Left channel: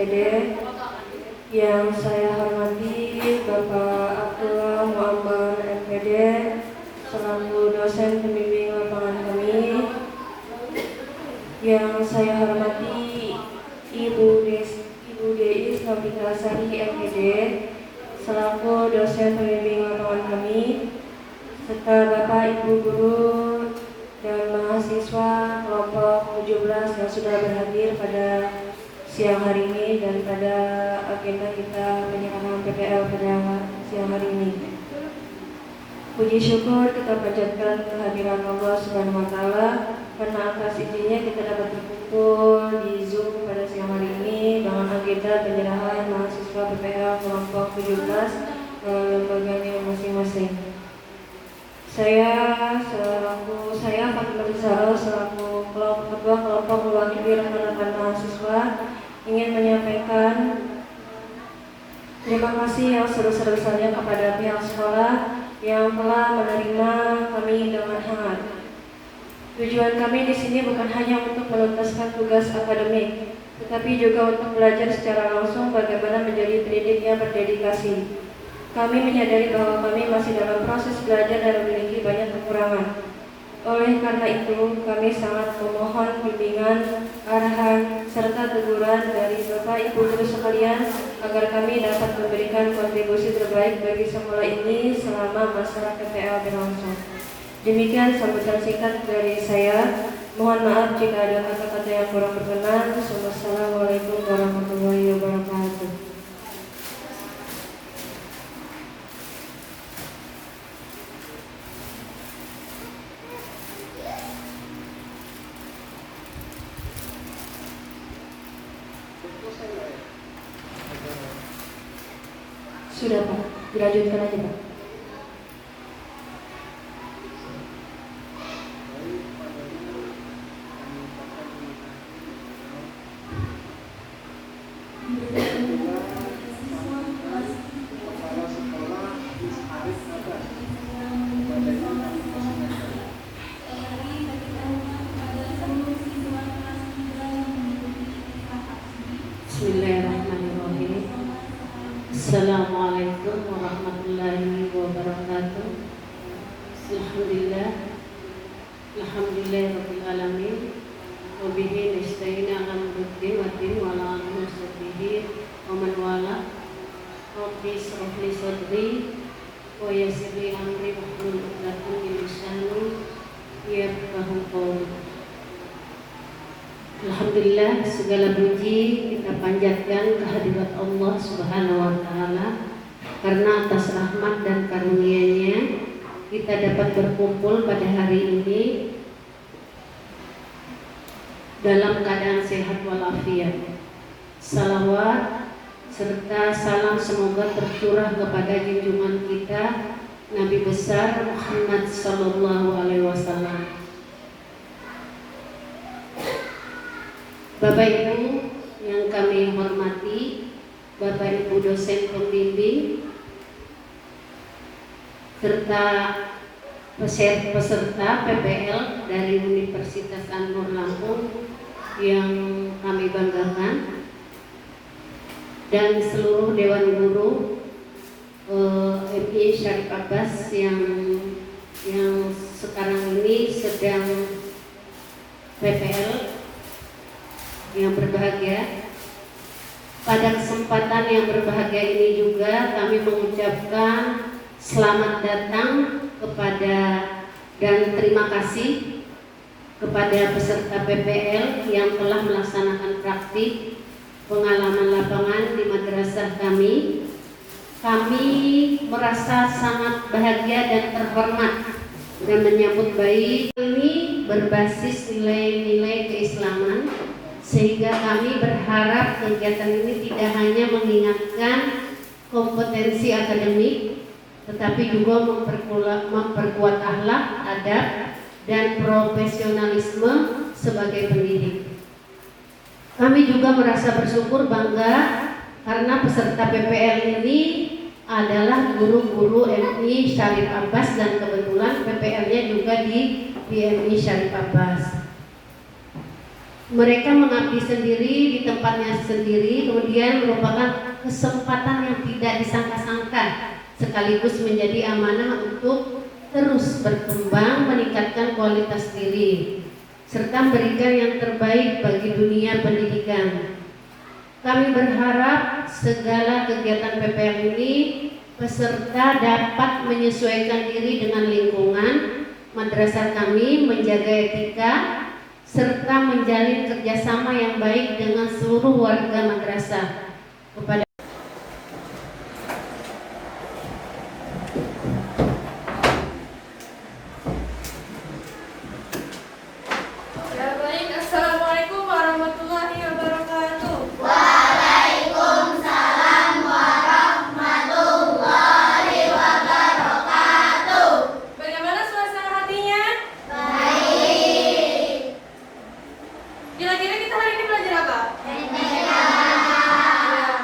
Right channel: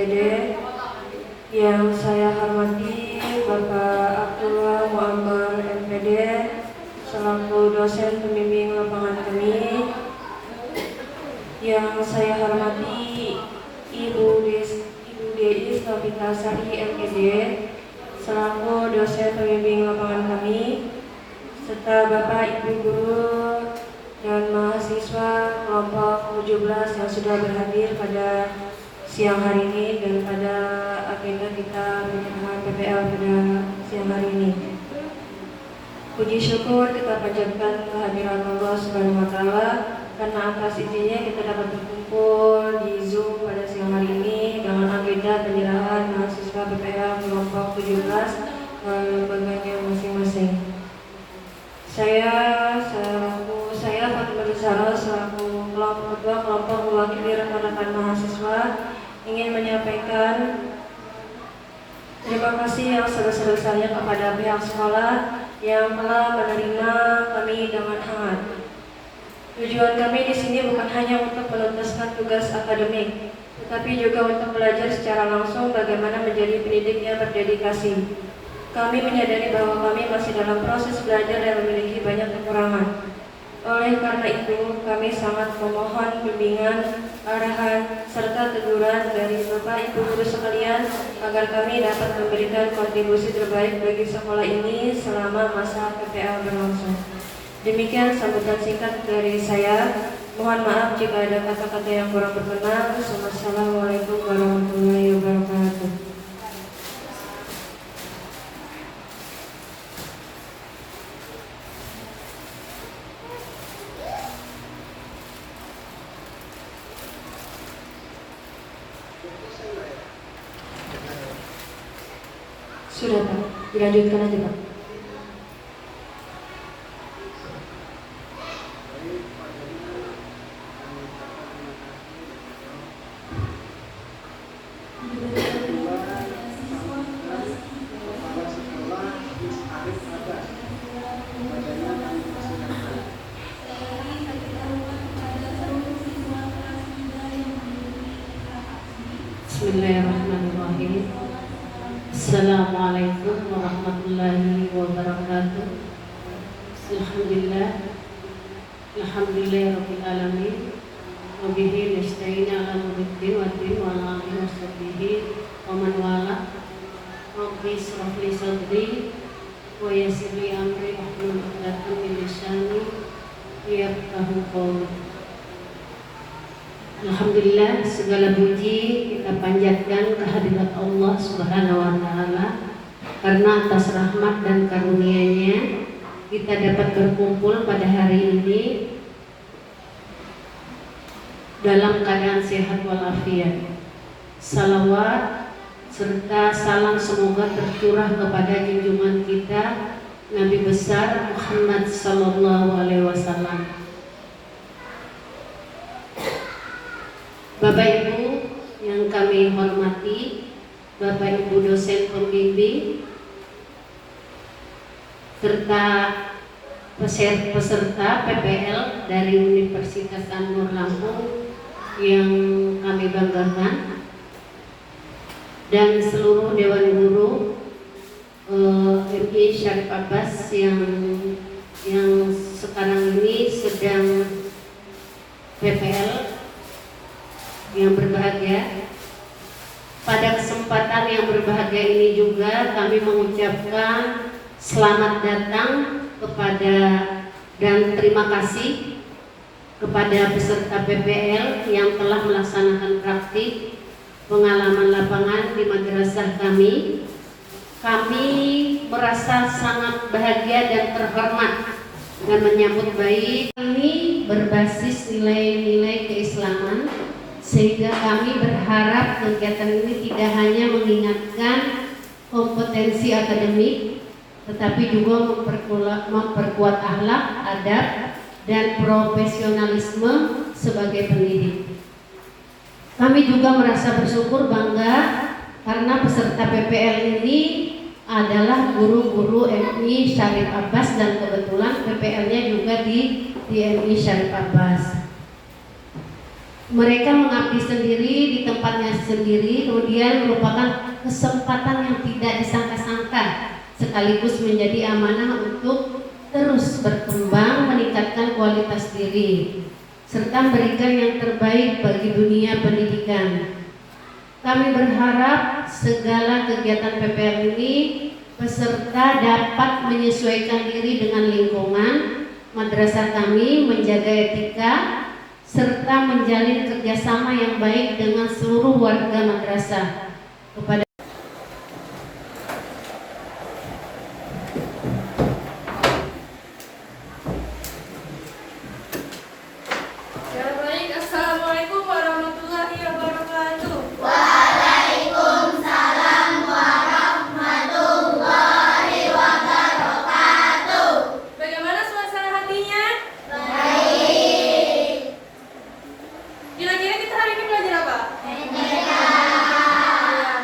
MPD. Yang saya hormati Bapak Abdullah Muammar MPD selaku dosen pembimbing lapangan kami. Yang saya hormati Ibu Dedis Novita Sari MPD selaku dosen pembimbing lapangan kami, serta Bapak Ibu guru dan mahasiswa kelompok 17 yang sudah berhadir pada siang hari ini dan pada agenda kita penyerahan PPL pada siang hari ini. Puji syukur kita panjatkan kehadiran Allah Subhanahu wa Ta'ala karena atas izinnya kita dapat berkumpul di Zoom pada siang hari ini dengan agenda penyerahan mahasiswa PPL kelompok 17 lembaganya masing-masing. Saya Fatimah Zahra selaku ketua kelompok mewakili rekan-rekan mahasiswa ingin menyampaikan terima kasih yang sebesar-besarnya kepada pihak sekolah yang telah menerima kami dengan hangat. Tujuan kami di sini bukan hanya untuk menuntaskan tugas akademik, tetapi juga untuk belajar secara langsung bagaimana menjadi pendidik yang berdedikasi. Kami menyadari bahwa kami masih dalam proses belajar dan memiliki banyak kekurangan. Oleh karena itu, kami sangat memohon bimbingan, arahan, serta teguran dari Bapak Ibu guru sekalian agar kami dapat memberikan kontribusi terbaik bagi sekolah ini selama masa PPL berlangsung. Demikian sambutan singkat dari saya. Mohon maaf jika ada kata-kata yang kurang berkenan. Wassalamualaikum warahmatullahi wabarakatuh. Sudah Pak, dilanjutkan aja Pak. Bismillahirrahmanirrahim. Assalamualaikum warahmatullahi wabarakatuh. Alhamdulillahirabbil alamin. Wa bihi nasta'in 'ala umuri waddin wa 'ala alihi washabbihi wa man wala. Rabbi shrah li sadri wa yassir li amri wahlul 'uqdatam min lisani yafqahu qawli. Alhamdulillah, segala puji kita panjatkan kehadirat Allah Subhanahu wa Ta'ala karena atas rahmat dan karunia-Nya kita dapat berkumpul pada hari ini dalam keadaan sehat walafiat. Salawat serta salam semoga tercurah kepada junjungan kita Nabi besar Muhammad sallallahu alaihi wasallam. Bapak Ibu yang kami hormati, Bapak Ibu dosen pembimbing serta peserta PPL dari Universitas An-Nur Lampung yang kami banggakan, dan seluruh Dewan Guru MI Syarif Abbas yang sekarang ini sedang PPL yang berbahagia. Pada kesempatan yang berbahagia ini juga kami mengucapkan selamat datang kepada dan terima kasih kepada peserta PPL yang telah melaksanakan praktik pengalaman lapangan di madrasah kami. Kami merasa sangat bahagia dan terhormat dan menyambut baik. Ini berbasis nilai-nilai keislaman, sehingga kami berharap kegiatan ini tidak hanya mengingatkan kompetensi akademik, tetapi juga memperkuat akhlak, adab, dan profesionalisme sebagai pendidik. Kami juga merasa bersyukur bangga karena peserta PPL ini adalah guru-guru MI Syarif Abbas dan kebetulan PPL-nya juga di MI Syarif Abbas. Mereka mengabdi sendiri di tempatnya sendiri, kemudian merupakan kesempatan yang tidak disangka-sangka, sekaligus menjadi amanah untuk terus berkembang, meningkatkan kualitas diri, serta memberikan yang terbaik bagi dunia pendidikan. Kami berharap segala kegiatan PPL ini peserta dapat menyesuaikan diri dengan lingkungan madrasah kami, menjaga etika, serta menjalin kerjasama yang baik dengan seluruh warga madrasah. Kepada Ya baik, Assalamualaikum warahmatullahi wabarakatuh. Bagaimana suasana hatinya? Kira-kira kita hari ini belajar apa? Ya,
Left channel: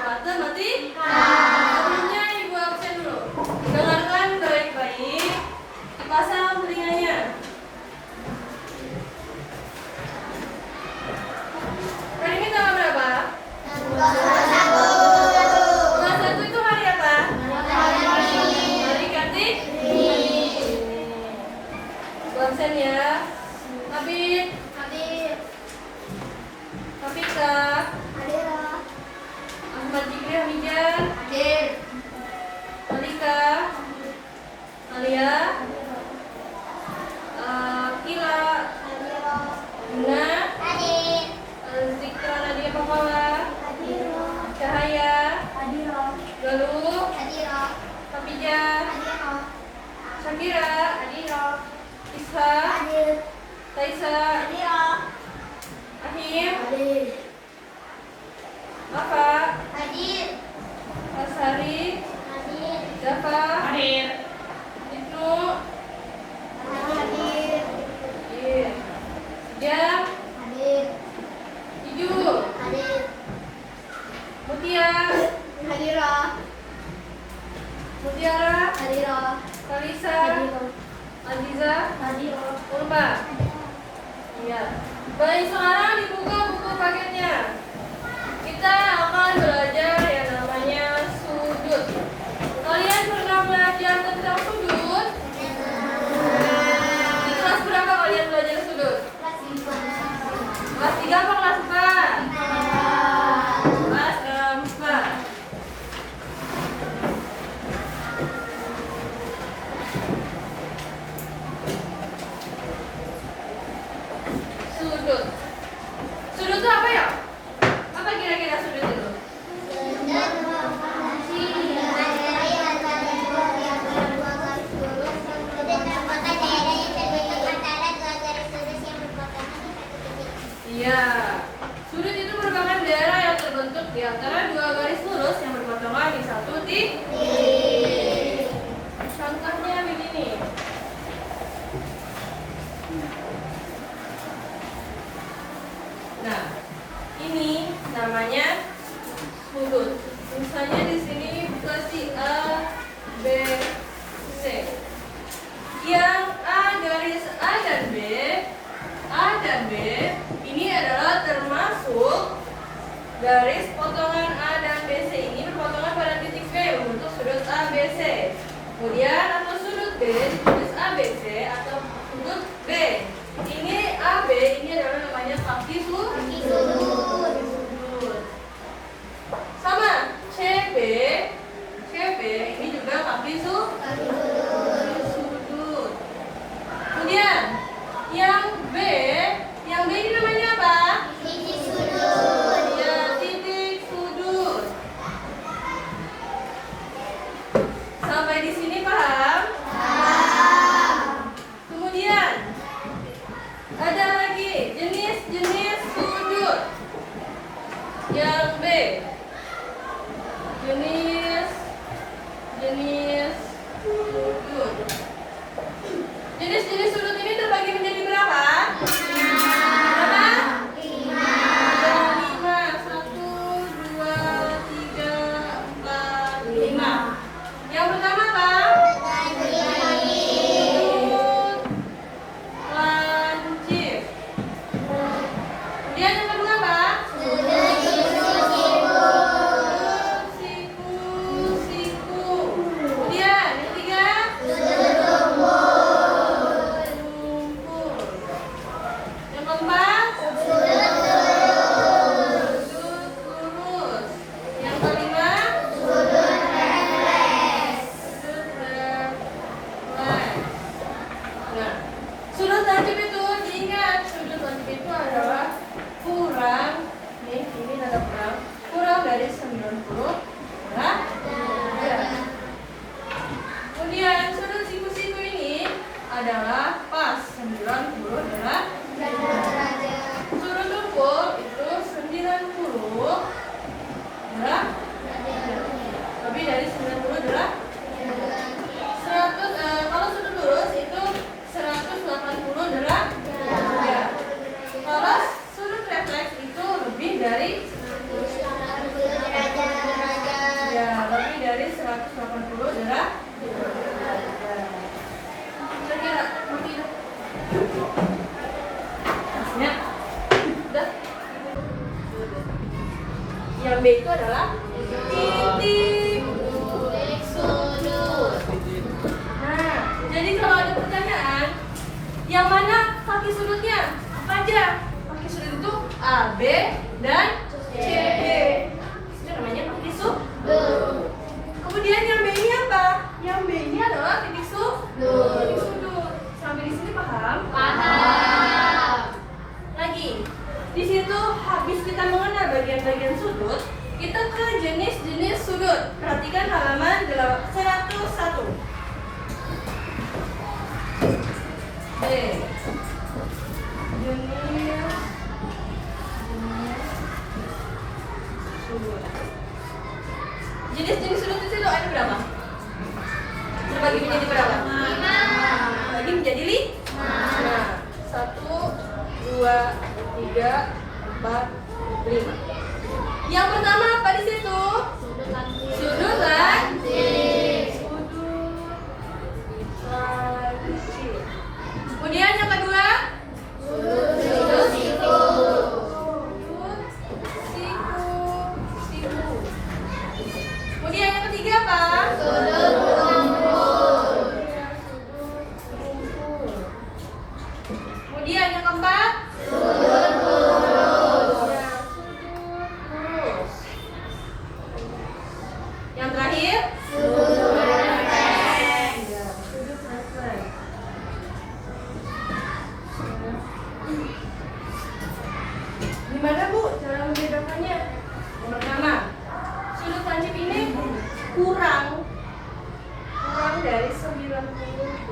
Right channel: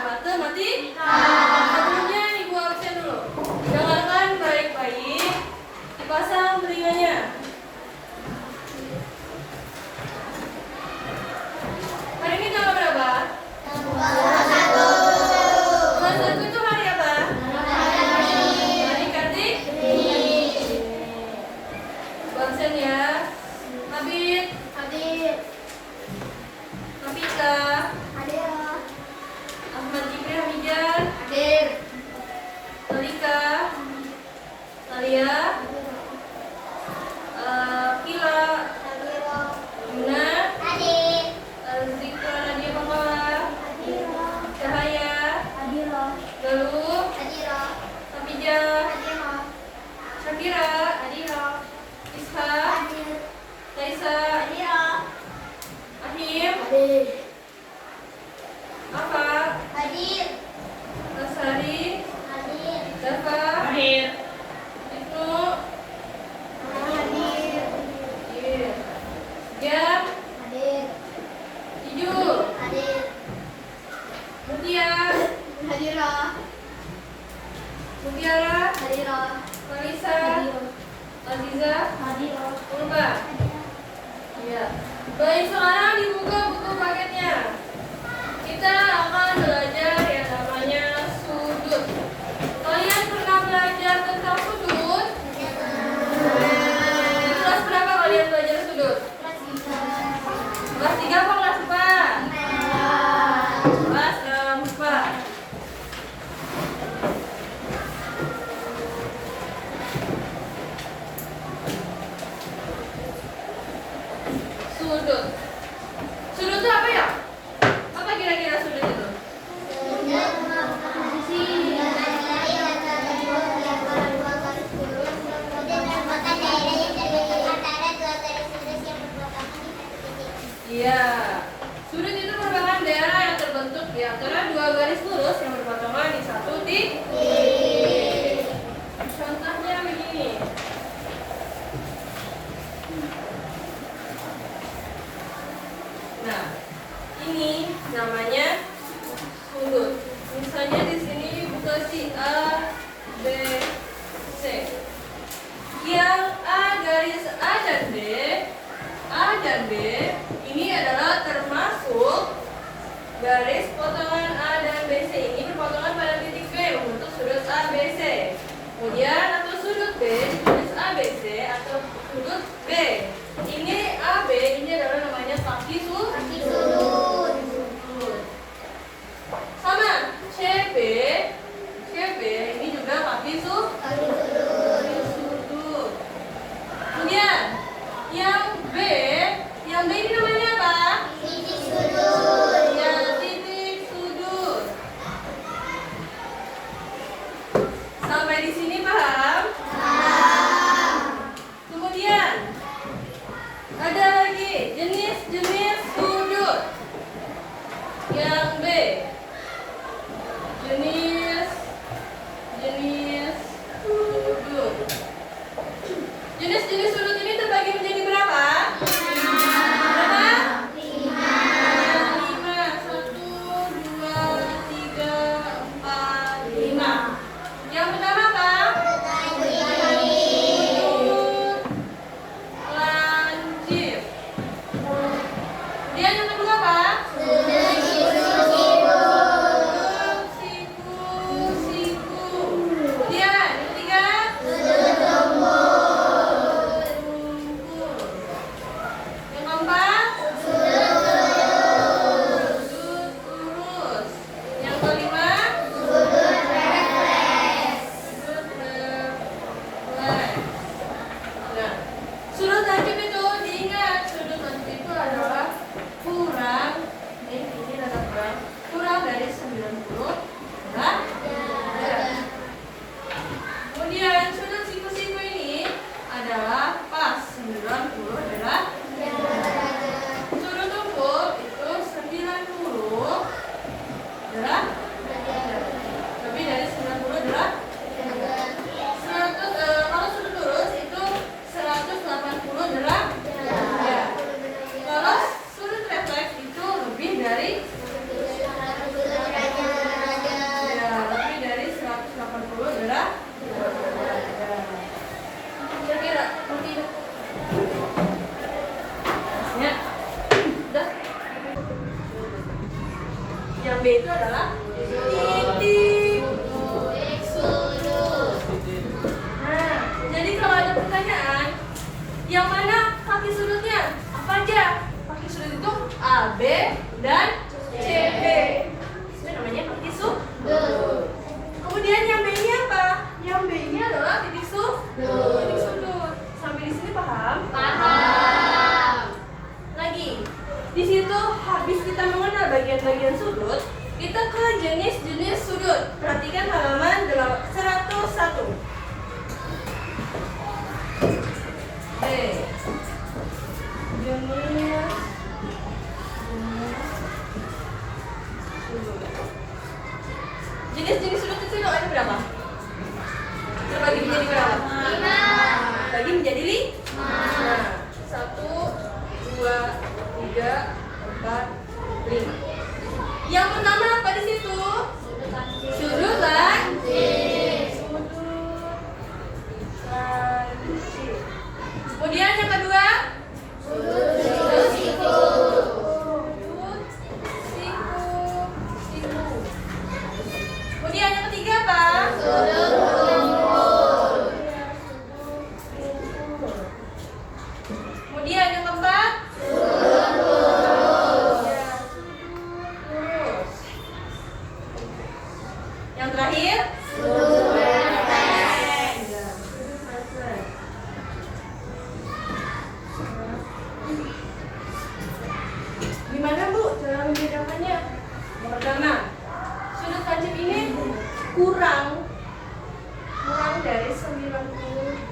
matematik. Sebelumnya Ibu absen dulu. Dengarkan baik-baik. Dipasang telinganya. Hari ini tanggal berapa? Tanggal 1 itu hari apa? Hari Kartini. Ibu absen ya. Habib. Hafika. Ahmad Jibril Hamijar. Malika. Alia. Kila. Yuna. Zikra Nadia Pamala. Cahaya. Galuh. Hafijah. Syakira. Isha. Taisa. Ahim. Afa. Asari. Dafa. Ibnu. Iya. Jam. Ijul. Mutia. Mutiara. Kalisa. Aziza. Urba. Iya. Baik, sekarang dibuka buku paketnya. Kita akan belajar yang namanya sudut. Kalian pernah belajar tentang sudut? Di kelas berapa kalian belajar sudut? Kelas 3 apa kelas 4? Kelas 4. Sudut. Sudut itu apa ya? Apa kira-kira sudut itu? Iya. Sudut itu merupakan daerah yang terbentuk di antara dua garis lurus yang berpotongan di satu titik. Contohnya begini. Nah, ini namanya sudut. Misalnya di sini posisi A, B, C. Yang A dan B ini adalah termasuk garis potongan A dan BC ini berpotongan pada titik B membentuk sudut ABC. Kemudian atau sudut B ditulis ABC atau sudut B. Ini AB ini adalah namanya kaki sudut. Sama CB ini juga kaki sudut. Kemudian yang B ini namanya apa? Ya, titik sudut. Sampai di sini paham? Kemudian ada lagi jenis-jenis sudut. Yang B, jenis sudut. Jenis-jenis sudut ini terbagi menjadi berapa? Berapa? 5. 1, 2, 3, 4, 5. Yang pertama apa? Sudut lancip. Kemudian yang kedua apa? Sudut Yang B itu adalah titik. Nah, jadi kalau ada pertanyaan, yang mana kaki sudutnya? Apa aja? Kaki sudut itu A, B, dan C, B. Itu namanya kaki sudut. Kemudian yang B-nya apa? Yang B-nya adalah titik sudut. Sampai di sini paham? Paham. Lagi, di situ habis kita mengenal bagian-bagian sudut, kita ke jenis-jenis sudut. Perhatikan halaman 101. B. Jenis sudut. Jenis-jenis sudut itu ada berapa? Terbagi menjadi berapa? 5. Bagi menjadi 5. Nah, 1, 2, 3, 4, 5. Yang pertama apa di situ? Sudut lancip. Kemudian yang kedua? Sudut siku. Kemudian yang ketiga apa? Sudut rumput. Kemudian yang keempat? Sudut lurus. Ya, sudut lurus. Yang terakhir? Sudut refleks. Ya, sudut refleks. Gimana Bu cara membedakannya? Yang pertama, sudut lancip ini kurang dari 90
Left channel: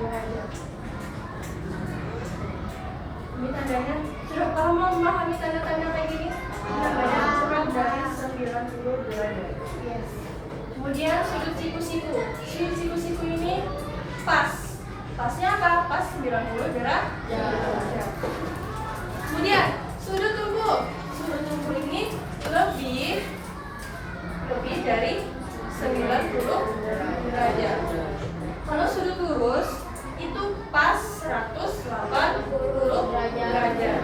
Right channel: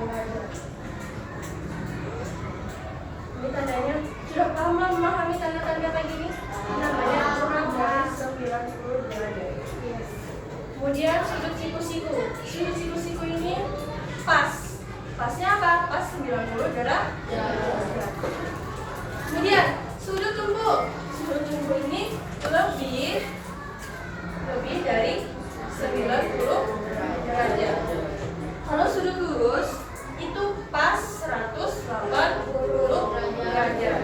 derajat. Ini tandanya sudah paham memahami tanda-tanda kayak gini? Namanya kurang dari 90 derajat. Yes. Kemudian sudut siku-siku. Sudut siku-siku ini pas. Pasnya apa? Pas 90 derajat. Kemudian sudut tumpuk. Sudut tumpuk ini lebih dari 90 derajat. Kalau sudut lurus itu pas 180 derajat.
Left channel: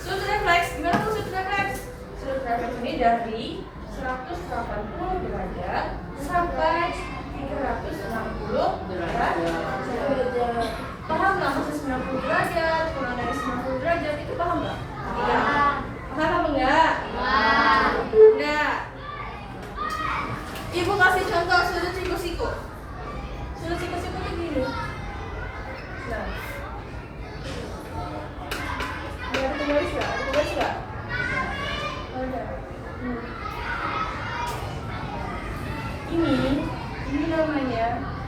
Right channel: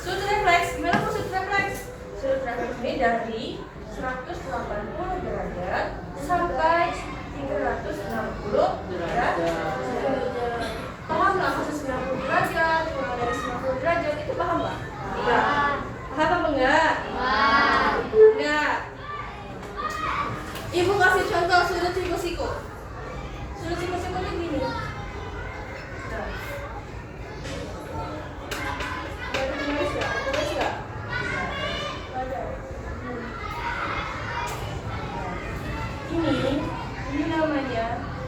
Sudut refleks, gimana Bu sudut refleks? Sudut refleks ini dari 180 derajat sampai 360 derajat. Paham nggak maksud 90 derajat, kurang dari 90 derajat itu paham nggak? Iya. Paham apa enggak? Paham. Enggak. Ibu kasih contoh sudut siku-siku. Sudut siku-siku itu gini. Nah. Ada tulis nggak? Tulis nggak? Ada. Ini namanya,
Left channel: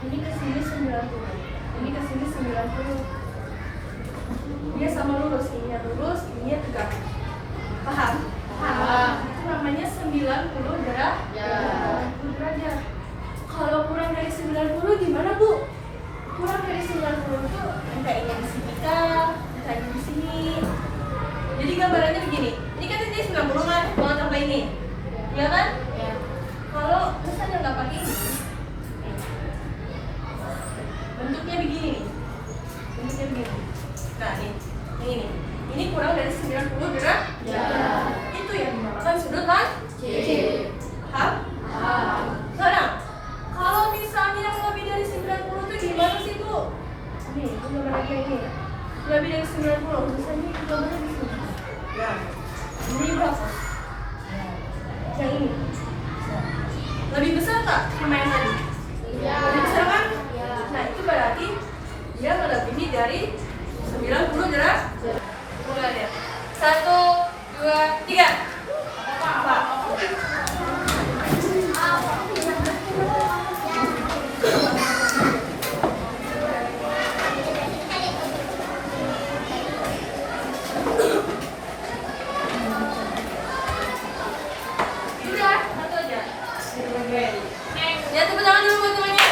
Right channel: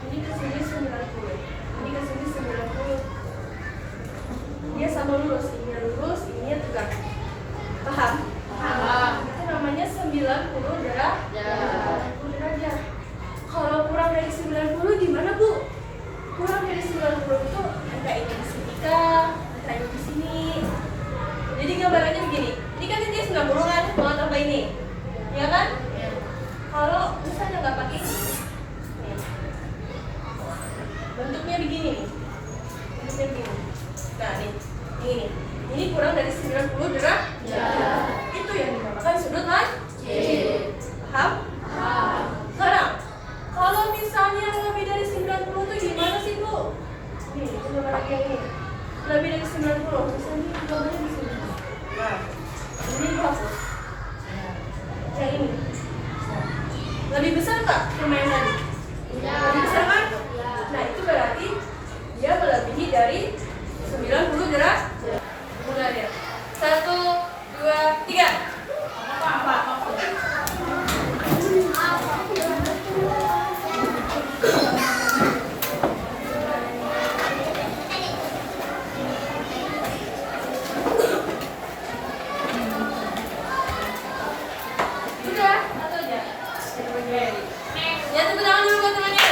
ini ke sini 90. Ini ke sini 90. Dia sama lurus, ininya tegak. Paham? Paham. Itu namanya 90 derajat. Kalau kurang dari 90 gimana Bu? Kurang dari 90 itu angka ini di sini kah? Angka ini di sini. Jadi gambarannya begini. Ini kan titik 90 kan, mau tambah ini. Ya kan? Kalau misalnya nggak pakai ini, bentuknya begini nih. Bentuknya begini. Nah nih, ini kurang dari 90 derajat. Itu yang dinamakan sudut lancip. Paham? Sekarang, kalau misalnya lebih dari 90 itu gimana sih Bu? Ini, itu gambar lagi yang ini. Lebih dari 90, misalnya itu gambarnya di sini. Nah, ini berapa? Yang ini. Lebih besar tak sama yang tadi? Lebih besar kan? Nah, itu berarti dia melebihi dari 90 derajat. Mulai ya. 1, 2, 3. Apa? Sudah, satu aja. Ya, tepuk tangan dulu buat temannya.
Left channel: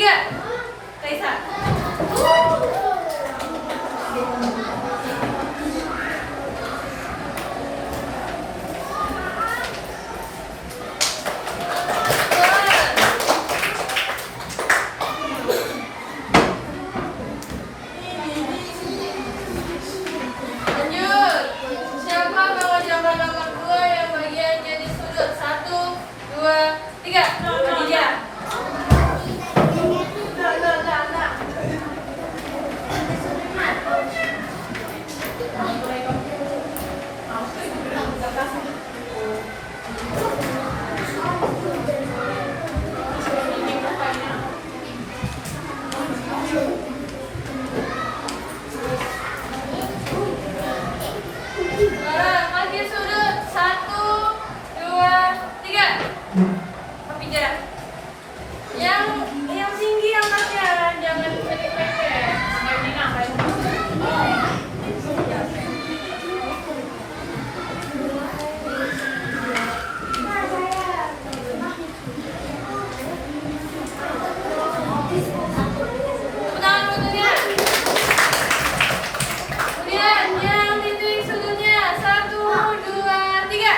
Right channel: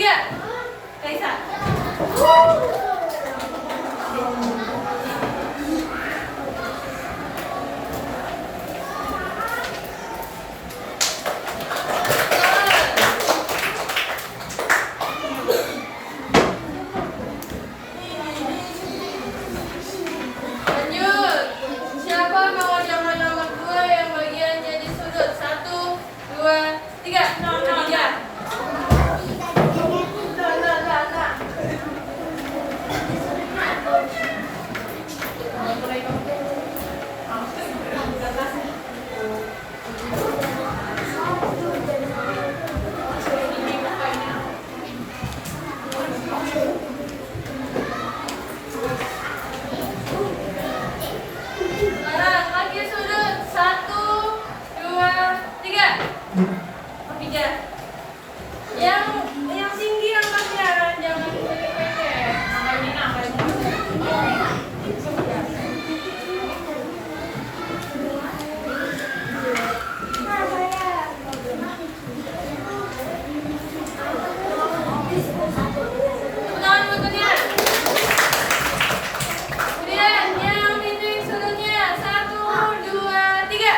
tiga. Kaisa. Lanjut. Siapa kawan jamran nomor 2 yang bagian jadi sudut? 1, 2, 3. Dia. Sekarang lagi sudut 1, 2, 3. Tiga. Yang tinggi yang bagian, jangan pendek-pendek. Tangan bentuknya. Kemudian yang titik sudutnya 1, 2, 3.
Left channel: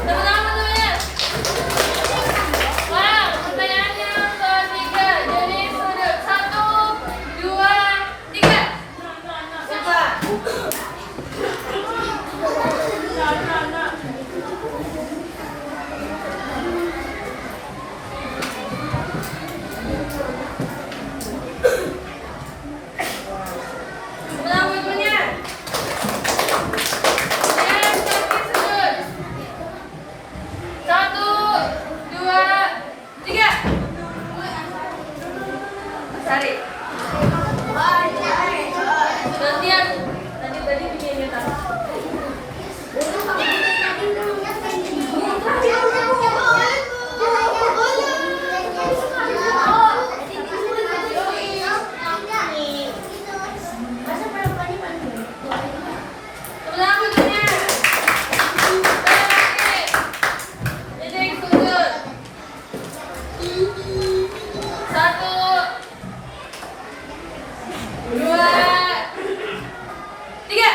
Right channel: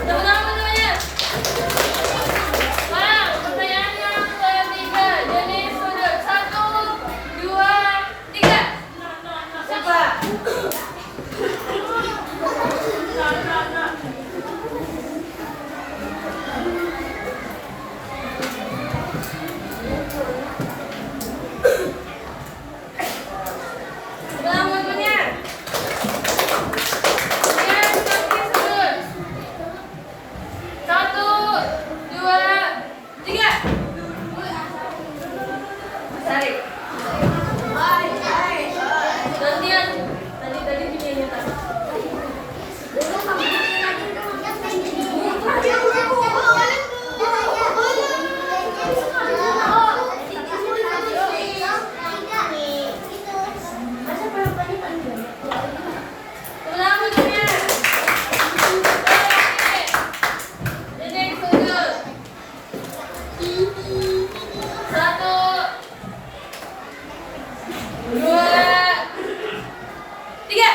Teman-teman bentuknya. Wow, pertanyaan yang ketiga. Jadi sudut 1, 2, 3. Coba. Teman-teman bentuknya. Kemudian kaki sudut. 1, 2, 3. Tarik. Gantian. Tadi punya nyata. Teman-teman bentuknya. Titik sudut. 1, 2, 3.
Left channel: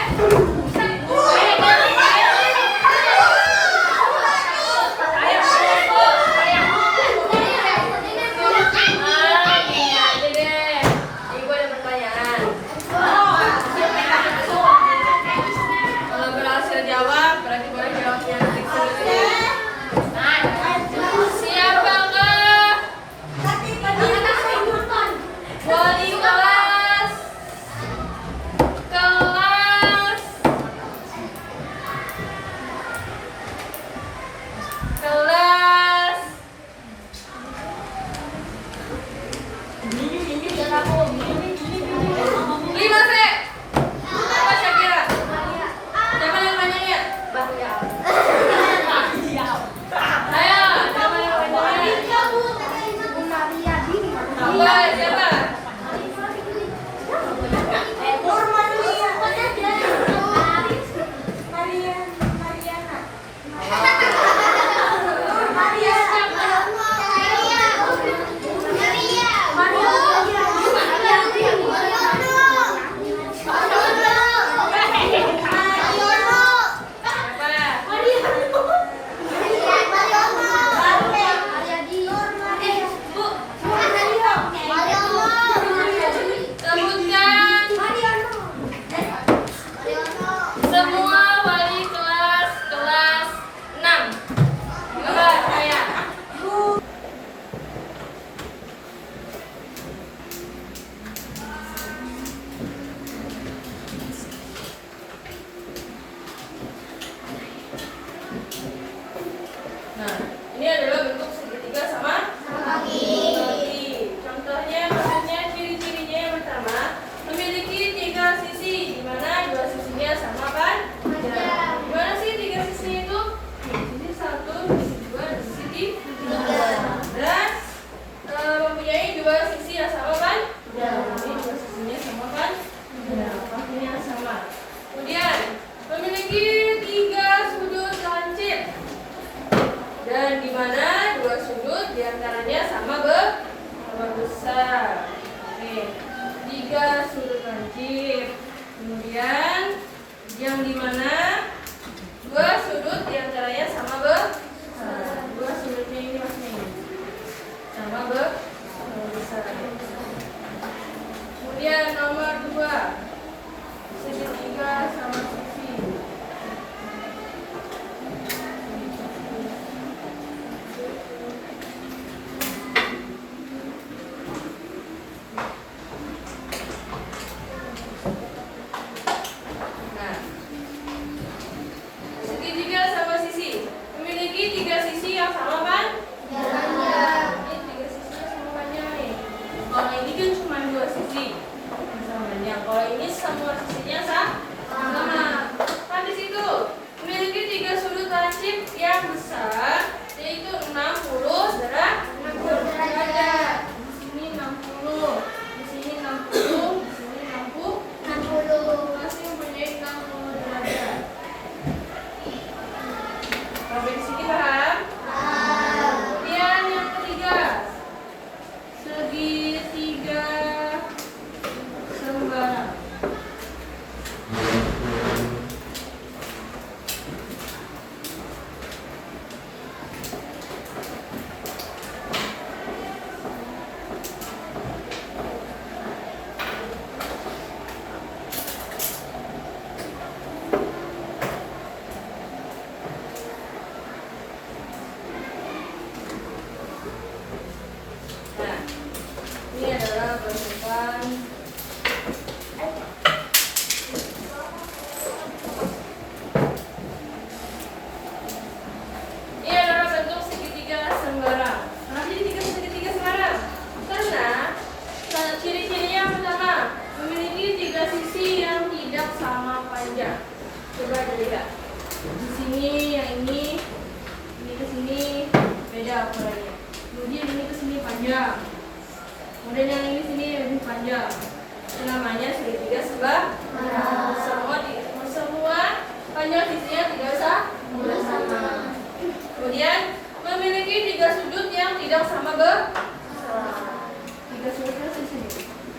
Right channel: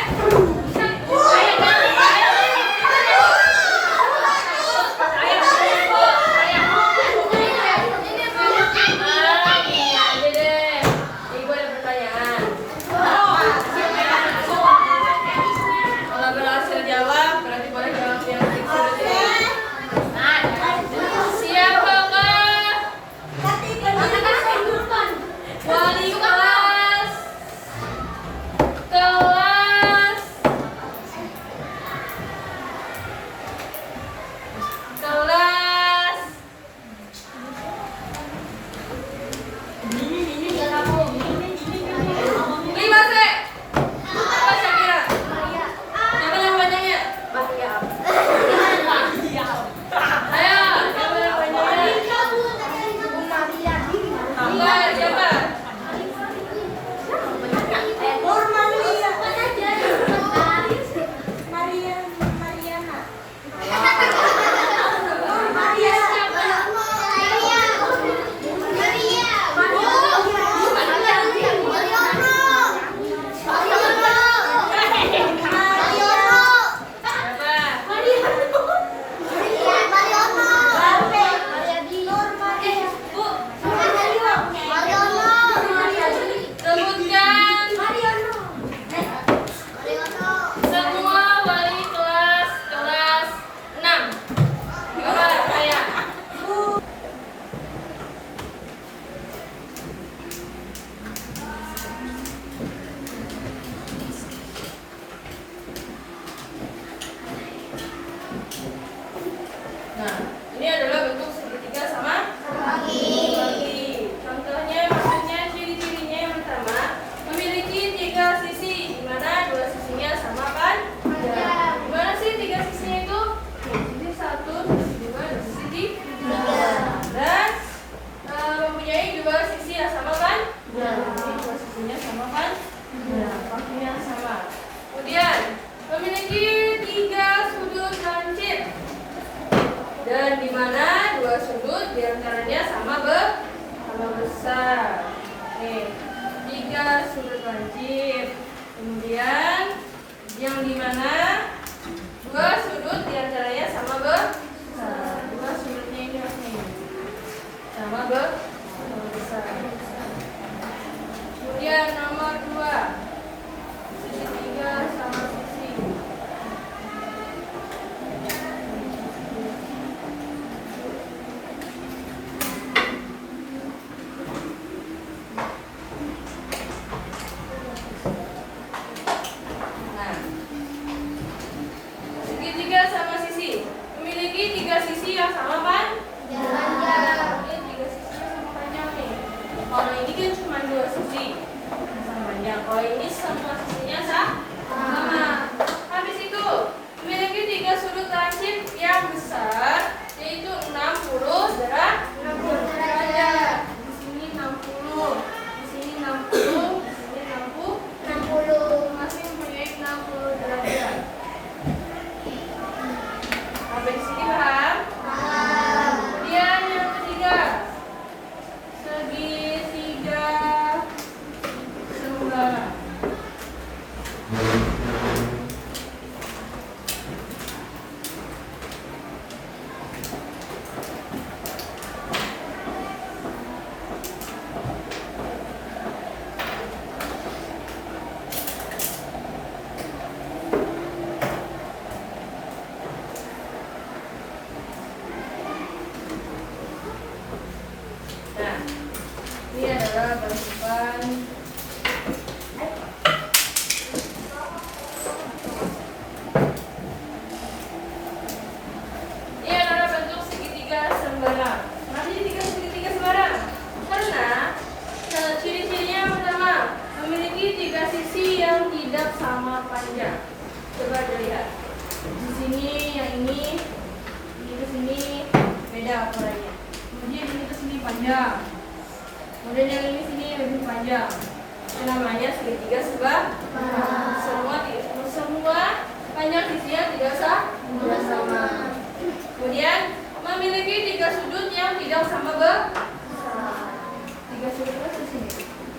Oke, 3 sudut lancip. Kemudian yang dimana 2 sudut diantaranya sama besar. 2 sudutnya ini harusnya ini sama besar. Kemudian nomor 2 segitiga sama sisi. Nah, segitiga sama sisi memiliki 3 sisi yang sama panjang. Ini 3 sisi yang sama panjang nih. Kalau ini kan cuma 2 sisi sama panjang. Kalau ini semua sisinya sama. Habis itu memiliki 3 sudut lancip yang besar, yaitu 60 derajat. Di sini 60, di sini 60, di sini 60. Masih mempunyai 60 derajat. Sampai di sini paham? Kemudian yang ketiga, segitiga sembara. Nah, ini adalah bentukan segitiga sembarang. Kenapa jadi segitiga sembarang? Karena ciri-cirinya yang pertama memiliki 3 sisi yang tidak sama panjang. Coba dilihat. Di sini yang ini ke sini beda ukurannya. Kemudian ini ke sini panjang. Kemudian yang ini sini lebih panjang. Itu namanya segitiga sembarang. Semua panjang sisinya tidak sama. Kemudian memiliki 3 sudut yang tidak sama besar. 3 sudutnya di sini.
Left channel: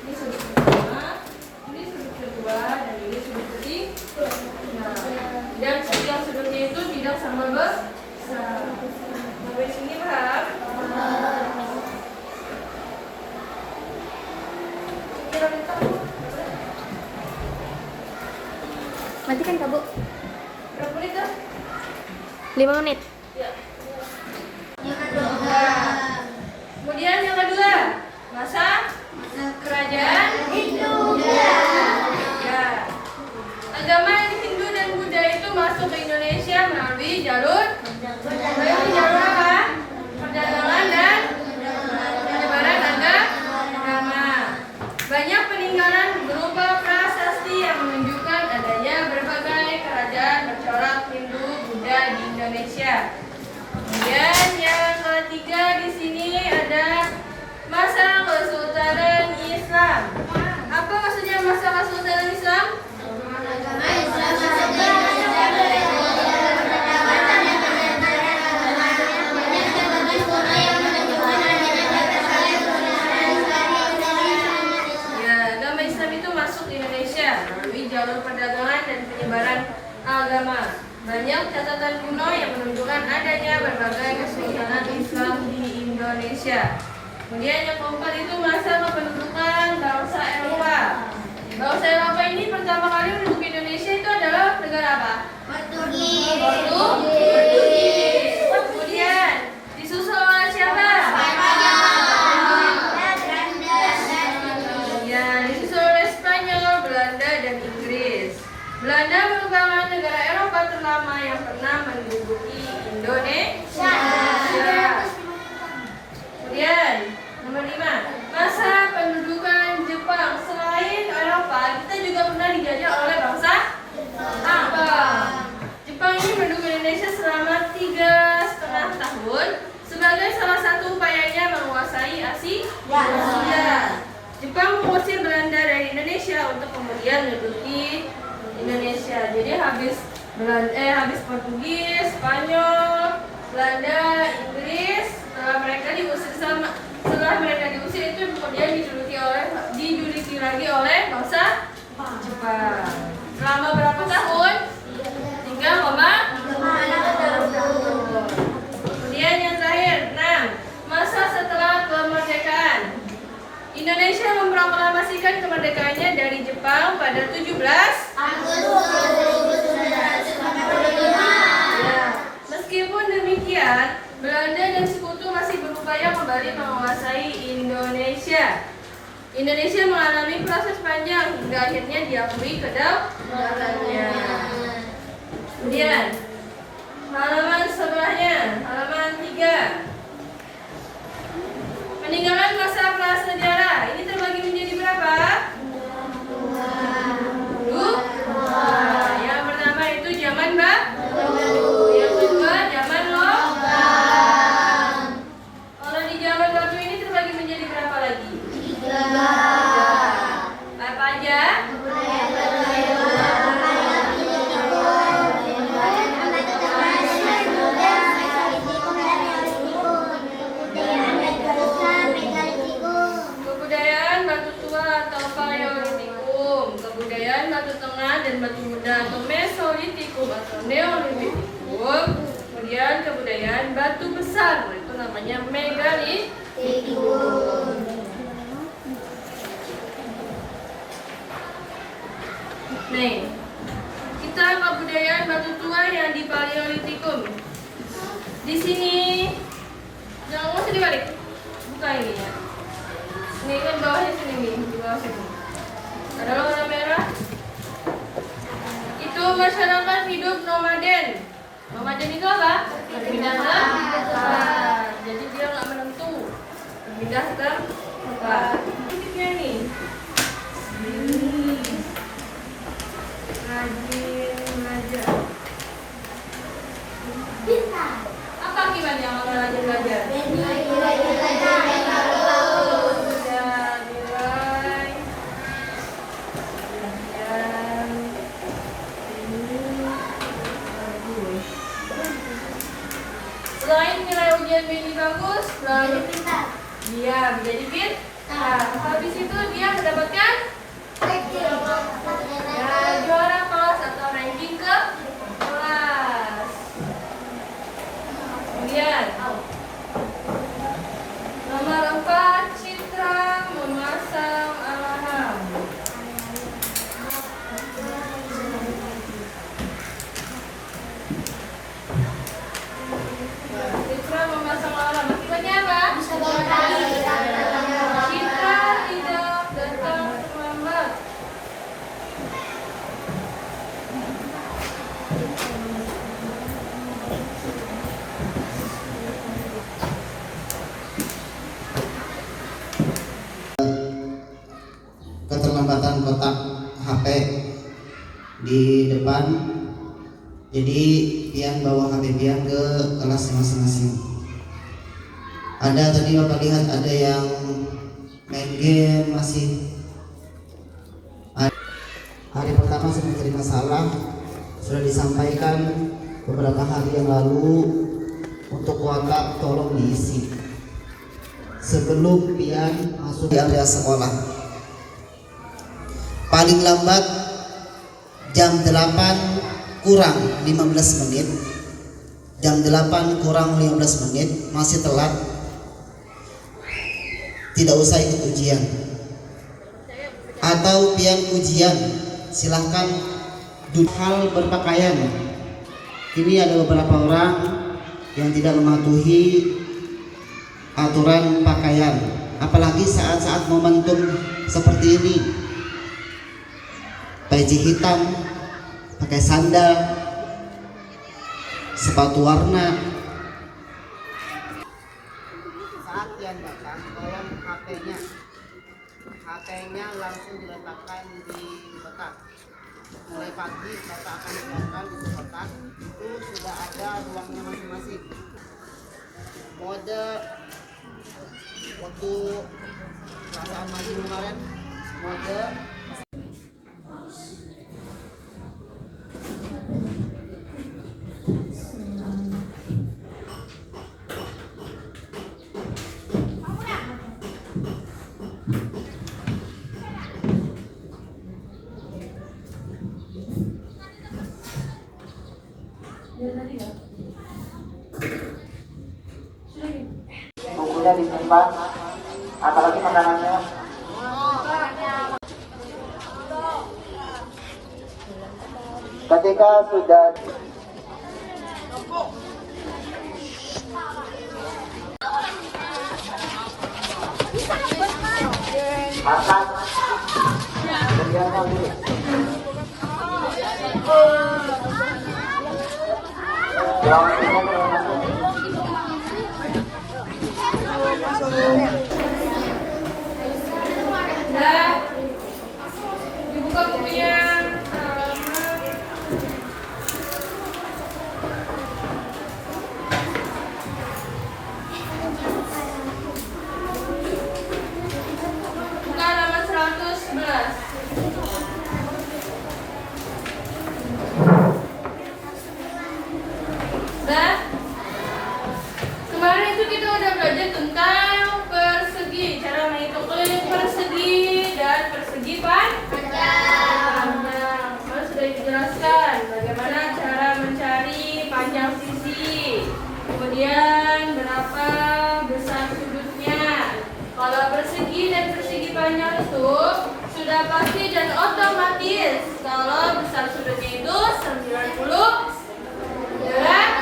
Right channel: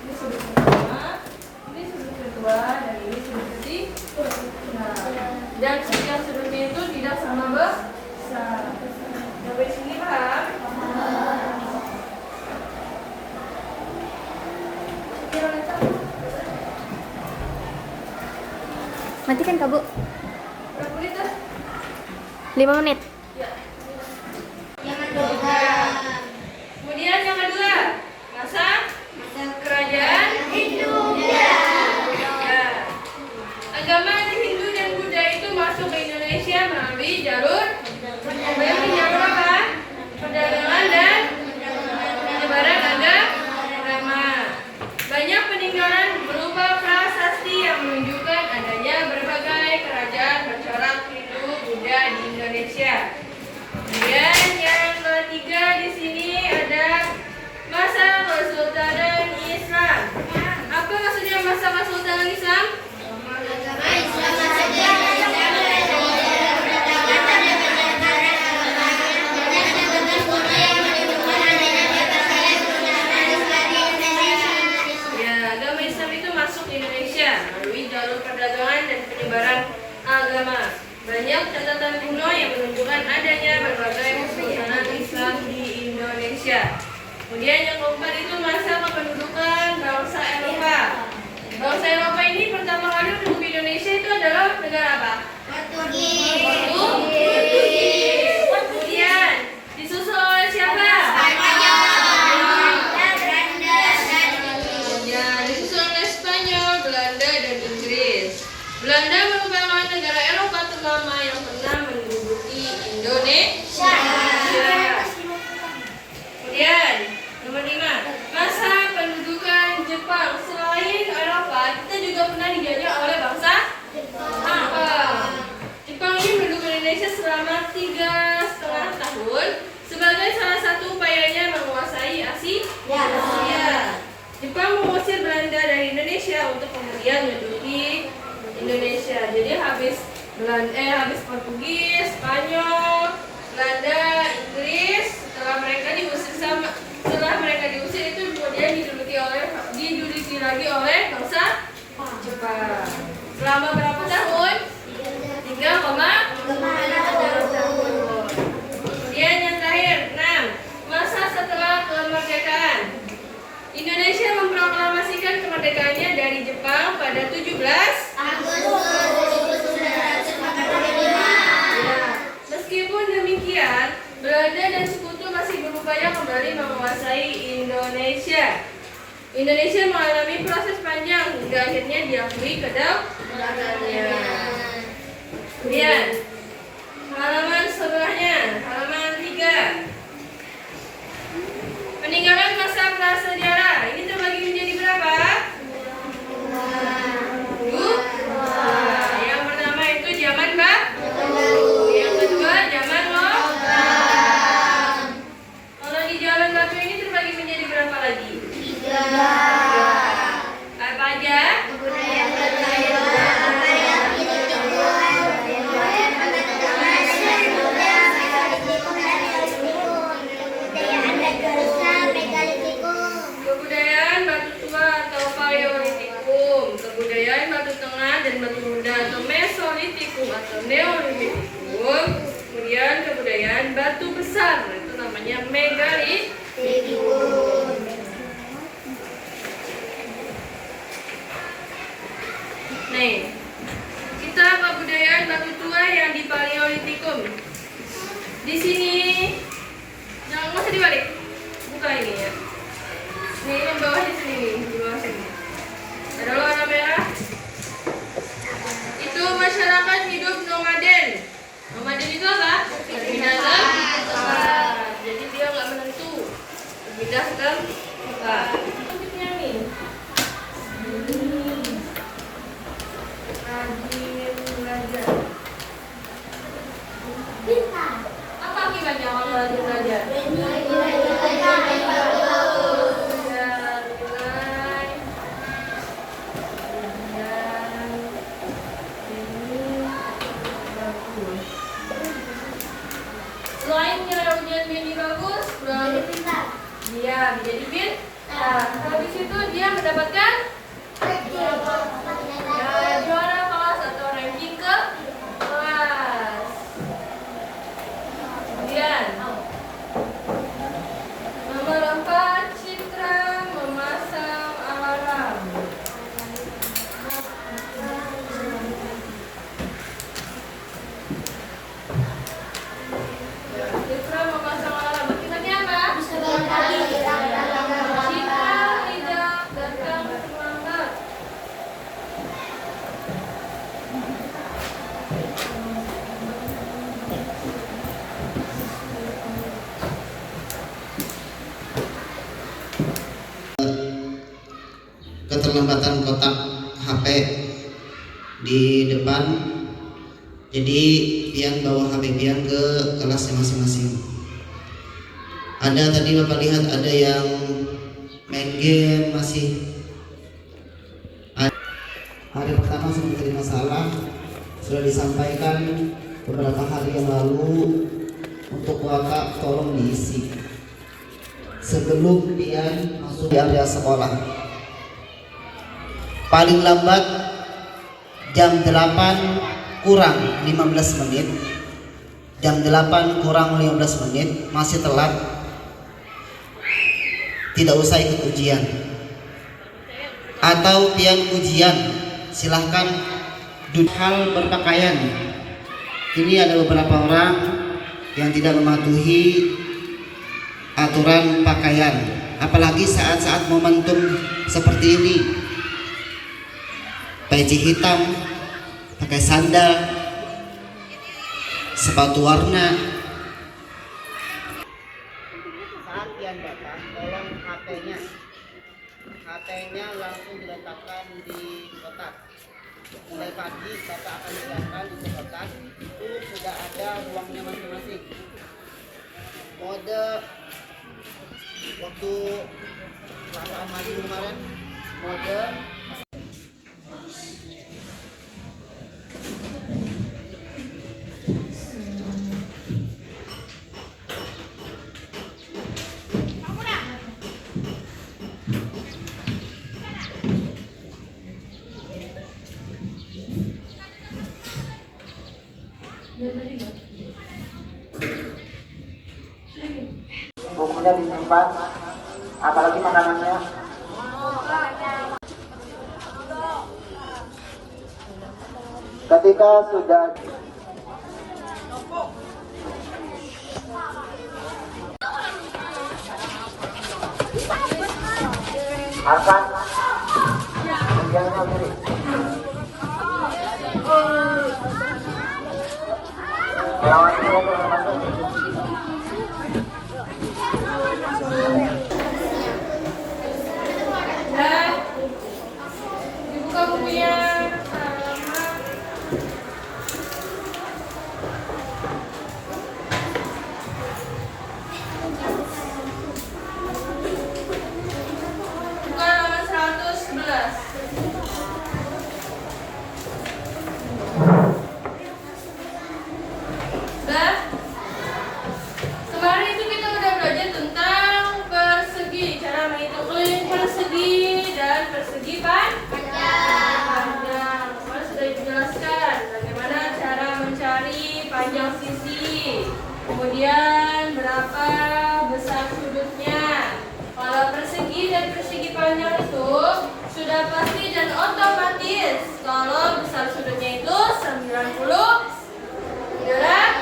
Ini sudut pertama, ini sudut kedua, dan ini sudut ketiga. Dan setiap sudutnya itu tidak sama besar. Sampai sini paham? Matikan Kak Bu. Berapa menit dah? 5 menit. Ya. Kemudian yang kedua, masa kerajaan Hindu. Ya. Agama Hindu dan Buddha itu masuk ke Indonesia melalui jalur apa? Perdagangan dan penyebaran agama. Banyak peninggalan berupa prasasti yang menunjukkan adanya berbagai kerajaan bercorak Hindu Buddha di Indonesia. Kemudian yang ketiga di sini ada masa Kesultanan Islam. Apa maksudnya masa Kesultanan Islam? Ya, agama Islam itu masuk di Indonesia melalui jalur perdagangan dan penyebaran agama. Banyak catatan kuno yang menunjukkan adanya berbagai kesultanan Islam di Indonesia. Kemudian yang keempat itu masa kependudukan bangsa Eropa. Bangsa Eropa ini pertama kali menduduki Indonesia itu adalah negara apa? Portugis. Kemudian disusul oleh siapa? Ya, disusul oleh Spanyol, Belanda, dan Inggris. Belanda merupakan negara Eropa terlama yang pernah menduduki Indonesia. Kemudian nomor 5, masa pendudukan Jepang. Selain Eropa, kita juga pernah dijajah oleh bangsa Jepang. Jepang ini menduduki Indonesia selama 3,5 tahun sebagai salah satu upayanya menguasai Asia. Jepang mengusir Belanda dari Indonesia untuk kemudian menduduki Indonesia. Jadi habis Portugis, Spanyol, Belanda, Inggris, setelah mereka diusir itu kemudian diduduki oleh lagi oleh bangsa Jepang. Selama berapa tahun? 3,3 tahun. Kemudian yang terakhir, 6. Masa setelah kemerdekaan. Indonesia memproklamasikan kemerdekaannya dari Jepang pada 17 Agustus 1945. Ya. Meskipun demikian, Belanda dan sekutu masih berupaya kembali menguasai Indonesia. Indonesia mengalami proses panjang hingga akhirnya diakui kedaulatannya. Kemudian, halaman sebelahnya, halaman 3. Peninggalan masa prasejarah. Ini terbagi menjadi berapa? 2. Yang pertama itu zaman batu. Yang kedua zaman logam. Kalau di zaman batu ini terbagi menjadi berapa lagi? 3. Apa aja? Kebudayaan batu tua atau Paleolitikum, kebudayaan batu tengah dan batu muda atau Mesolitikum atau Neolitikum, kemudian kebudayaan batu besar itu namanya Megalitikum. Nih, kita kebudayaan batu tua yang di Paleolitikum. Di sini, jangan usah dibalik, buka ini ya. Ini yang bawahnya sini nih, di bawah sini. Ada warna merah. Itu masyarakat hidup nomaden. Nomaden itu apa? Berpindah ke tempat. Jadi dia nggak menentu. Berpindah ke tempat. Titiknya nih. Rajin belajar. Apa akibatnya kalau rajin belajar? Selain nilai ujian BNI bagus, dia menjadi pintar. Habis itu dia mendapatkan juara kelas atau ranking ke kelas. Kemudian nomor 4, Citra memasang alarm. Citra memasang alarm. Akibatnya apa? Citra tidak datang terlambat. Keterlambatan kotak HP di depan, jadi pian bawa HP pian ke kelas masing-masing. Ada tadi Bapak lihat ada yang main game masih. Hari pertama sudah menjadi masalah, sudah disampaikan beberapa hari yang lalu untuk kuota tolong diisi sebelum pian masuk di area sekolah. Paling lambat jam 8 kurang 15 menit. Jam 8 kurang 15 menit masih telat. Tidak usah ikut ujian. Atau pian ujian, silahkan duduk. Hal berpakaian. Ini ada beberapa orang yang tidak mematuhi aturan pakaian, apalagi saat-saat momentum seperti ini. Peci hitam, pakai sandal, sepatu warna. Saat yang datang, tolong HP-nya langsung diletakkan di kotak. Mulai pagi Bapak akan letakkan di kotak. Itu sudah ada ruangnya masing-masing. Mode waktu perasaan maju kemarin, mode tidak disimpan, apalagi makanannya. Ketika sudah makan, kemudian dulu. Nah, dibuka bukunya. Buka halaman 111. Nah, kemarin itu kita udah belajar tentang persegi, cara menghitung persegi dan persegi panjang. Kemarin sudah dijelaskan bagaimana cara mencari panjang sisi, kemudian berapa besar sudutnya. Kalau persegi dan persegi panjang itu sudah pasti dan otomatis kalau besar sudutnya itu 90 derajat.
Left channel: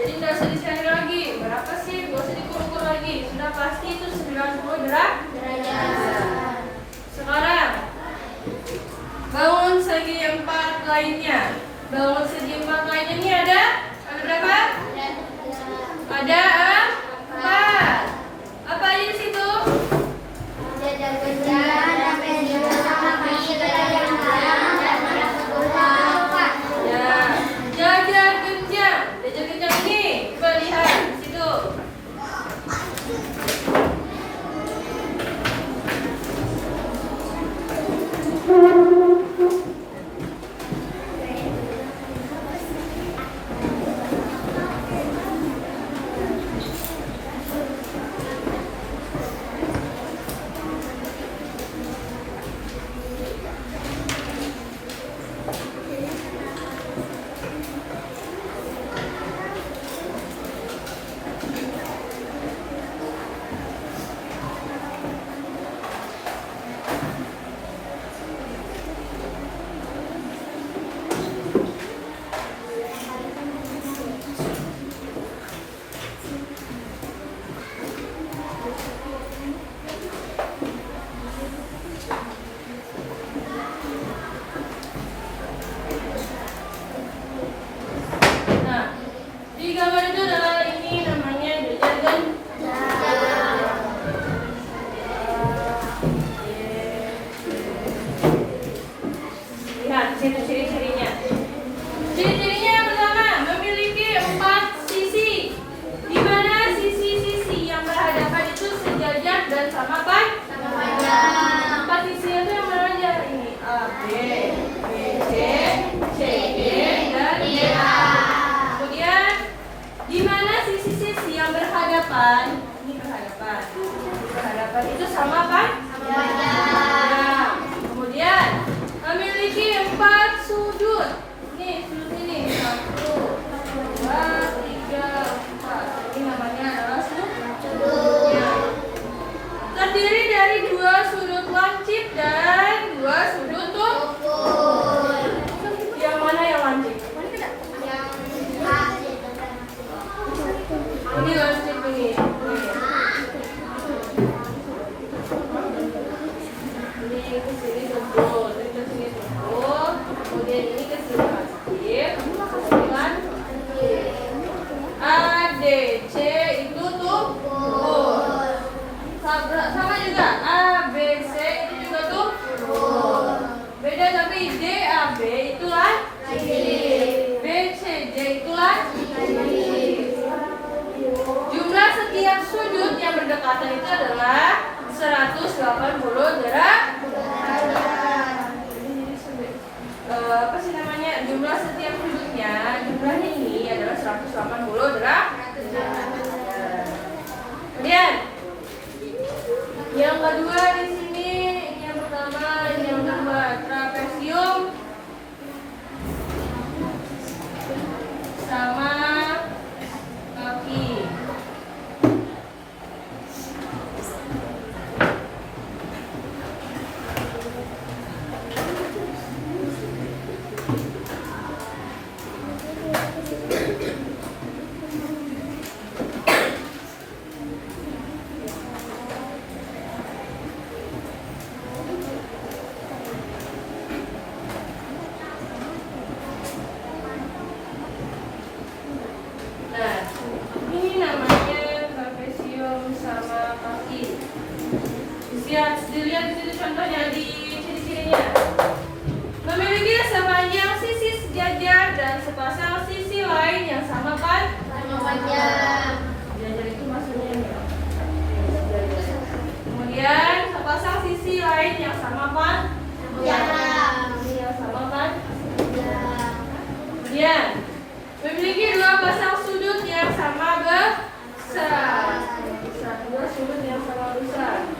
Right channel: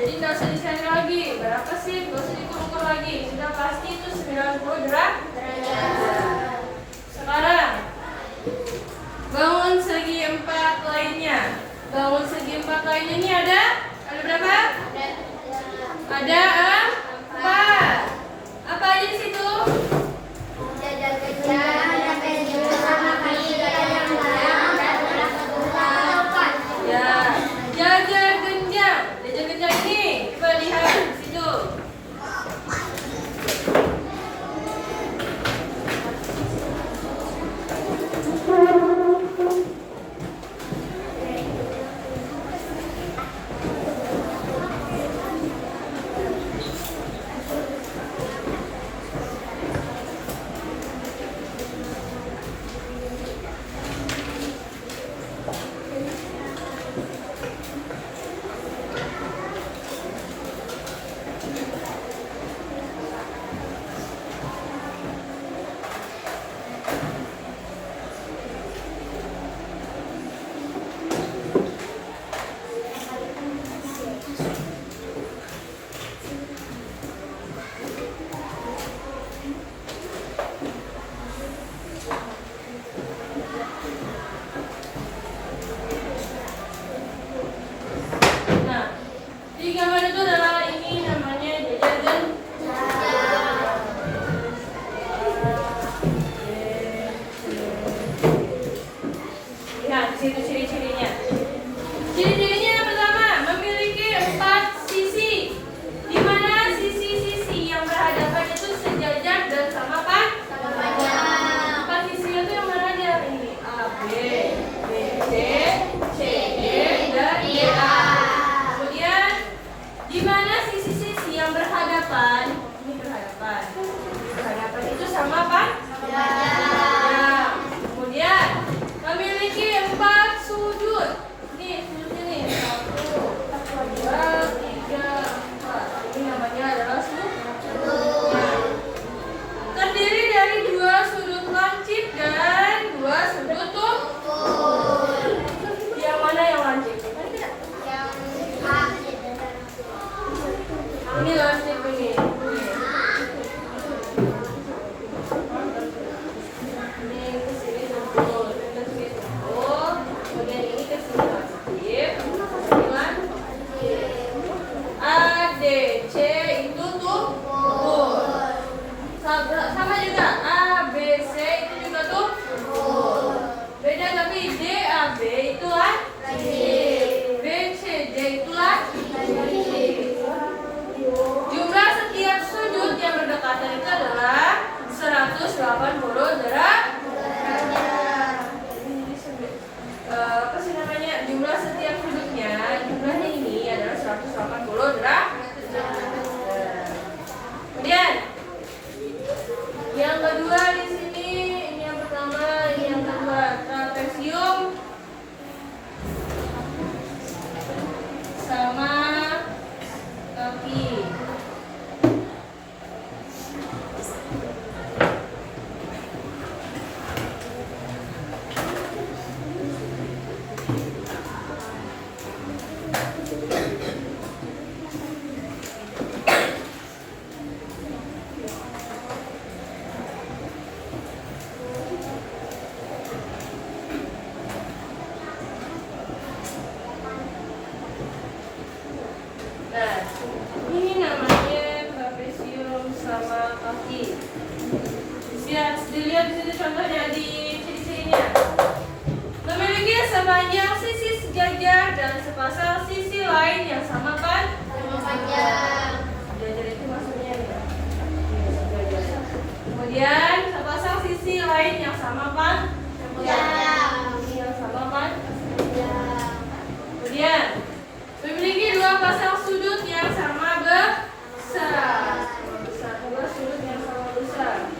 Jadi nggak usah dicari lagi berapa sih, nggak usah diukur lagi, sudah pasti itu 90 derajat. Sekarang bangun segi 4 lainnya. Bangun segi 4 lainnya ini ada berapa? Ada 4. Apa aja di situ? Ya, jajar genjang. Jajar genjang ini coba lihat di situ. Nah, di gambar itu adalah ini namanya jajar genjang. Lihat situ ciri-cirinya. Ciri-cirinya yang pertama memiliki 4 sisi, di mana sisi-sisi yang berhadapan itu sejajar dan sama panjang. 4 sisi itu yang mana aja? Ini A, B, B, C, C, D, dan D, A. Kemudian di mana sisi-sisi yang berhadapan, ini berhadapan itu sama panjang. Kemudian memiliki 4 sudut. Nih sudut ini 1, 2, 3, 4. Ini namanya adalah sudutnya. Terdiri dari 2 sudut lancip dan 2 sudut tumpul. Yang mana yang lancip? Ini lancip ini. Ini ke sini tumpul, ini ke sini tumpul, kemudian ini ke sini lancip, dengan A, D, C itu tumpul. Sama juga A, B, C itu juga tumpul. Beda tapi D, A, B itu lancip, B, C, D itu lancip. Jumlah setiap sudut yang berdekatan itu adalah 180 derajat. Apa sih namanya? Jumlah setiap sudutnya, jumlahnya ini adalah 180 derajat. Kemudian yang kedua di sini, ini yang pertama, ini yang kedua, trapesium sama kaki. dilihat di situ contohnya di ciri-cirinya. Memiliki sepanjang sisi sejajar dan sepasang sisi lain yang sama kan? Sejajar itu maksudnya nih. Sejajar. Kemudian sepasang sisi lain yang sama kan? Yang sama kan? Kemudian memiliki dua pasang sudut yang sama besar. Dua sudut yang sama besar.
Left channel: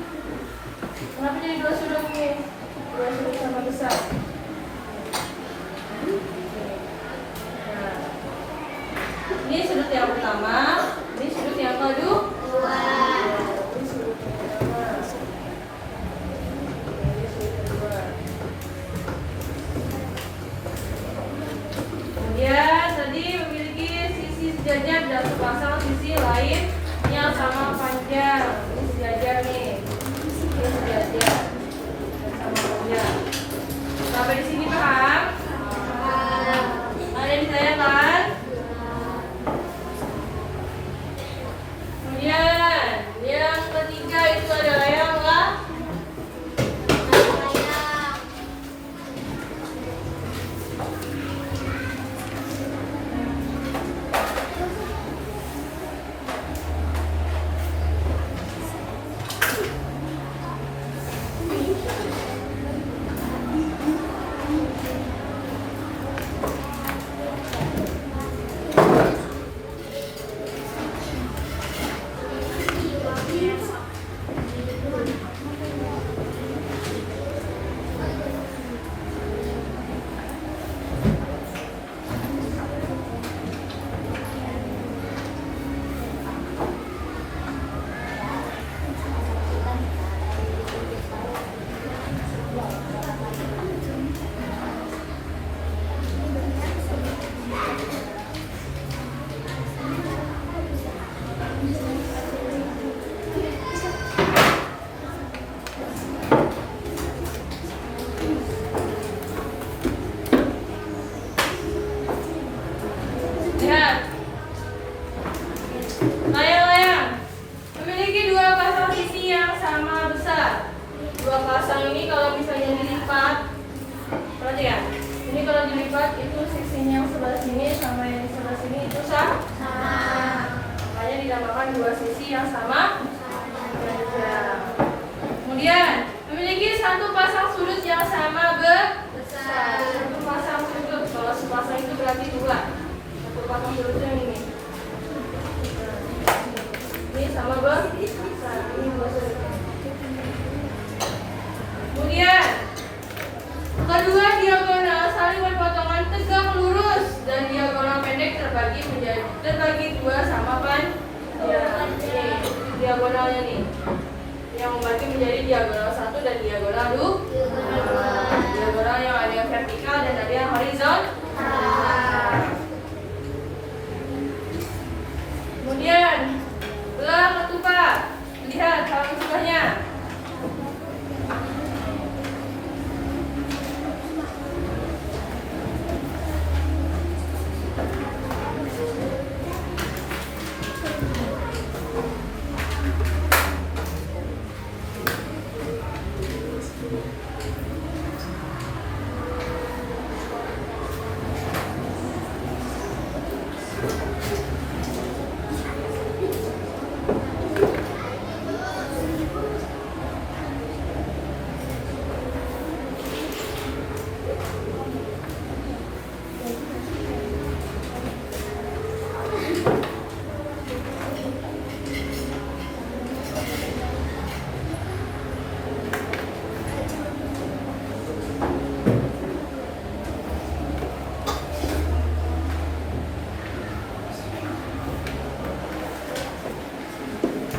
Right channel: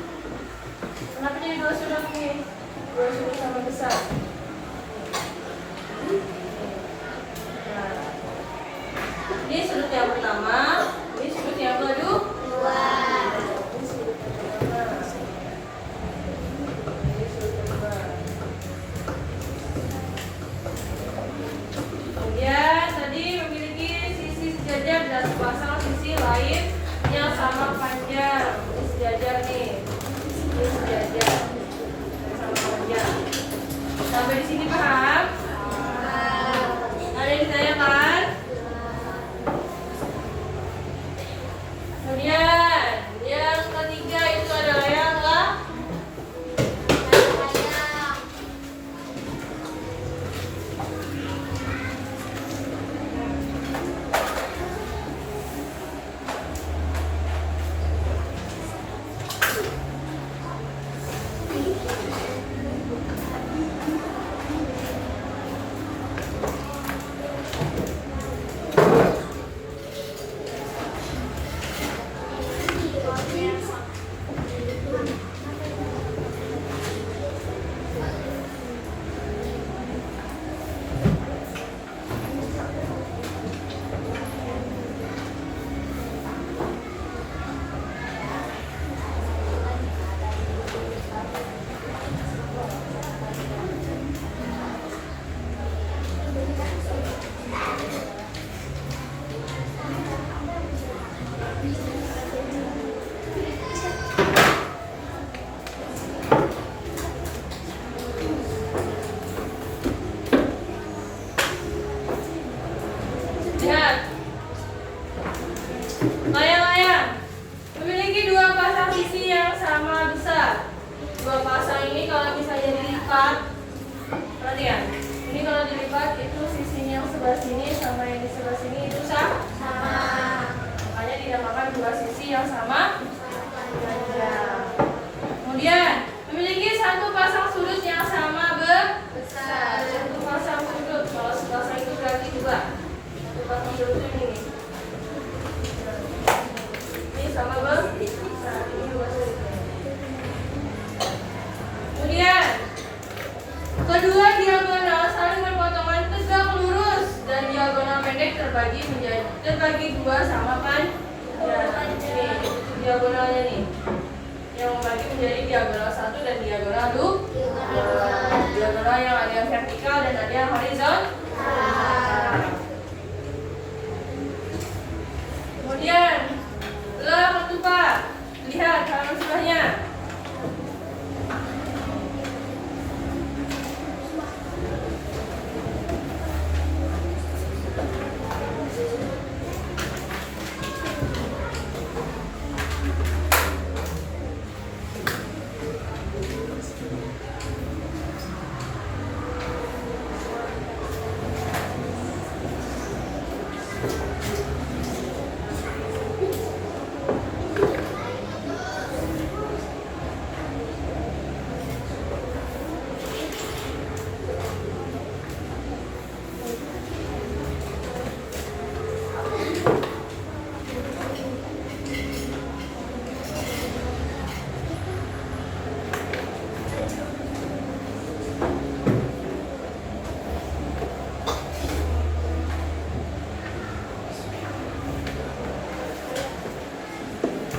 Kenapa jadi dua sudut ini? Dua sudut sama besar. Nah, ini sudut yang pertama, ini sudut yang kedua. Ini sudut yang pertama. Ini sudut kedua. Kemudian tadi memiliki sisi sejajar dan sepasang sisi lain yang sama panjang. Ini sejajar nih. Ini sejajar dan sama panjang. Sampai di sini paham? Ada yang ditanyakan? Kemudian yang ketiga itu adalah yang layang-layang memiliki dua pasang sisi yang sama besar. Dua pasang ini kalau misalnya dilipat, perhatikan. Ini kalau dilipat itu sisinya yang sebelah sini sama yang sebelah sini itu sama. Makanya dinamakan dua sisi yang sama panjang. Kemudian memiliki satu pasang sudut yang sama besar. Satu pasang sudut. Kalau sepasang itu berarti dua. Satu pasang sudutnya ini. Ini sama besar. Ini dua sudutnya. Kemudian kedua diagonal saling berpotongan tegak lurus dan diagonal pendek terbagi dua sama panjang. Ini diagonalnya nih. Yang membagi menjadi diagonal 1 dan diagonal 2. Diagonal yang ada yang vertikal dan ada yang horizontal. Kemudian belah ketupat. Lihat halaman sebelahnya.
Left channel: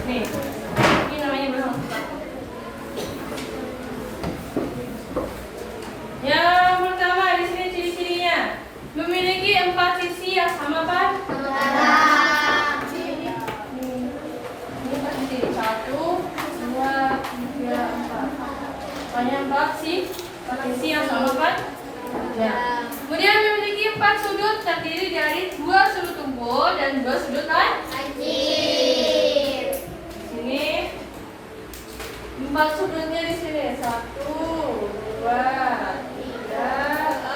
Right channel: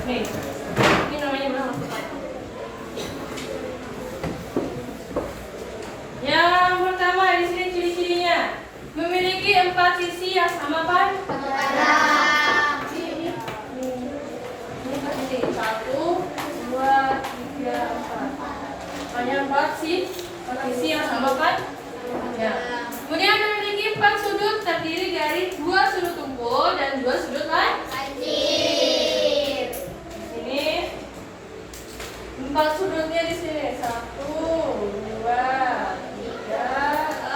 Nih, ini namanya belah ketupat. Yang pertama di sini ciri-cirinya memiliki 4 sisi yang sama pan. Ini 4 sisi. 1, 2, 3, 4. Hanya 4 sisi yang sama pan. Ya. Kemudian memiliki 4 sudut terdiri dari 2 sudut tumpul dan 2 sudut lancip. Ini 4 sudutnya di sini. 1, 2, 3, 4.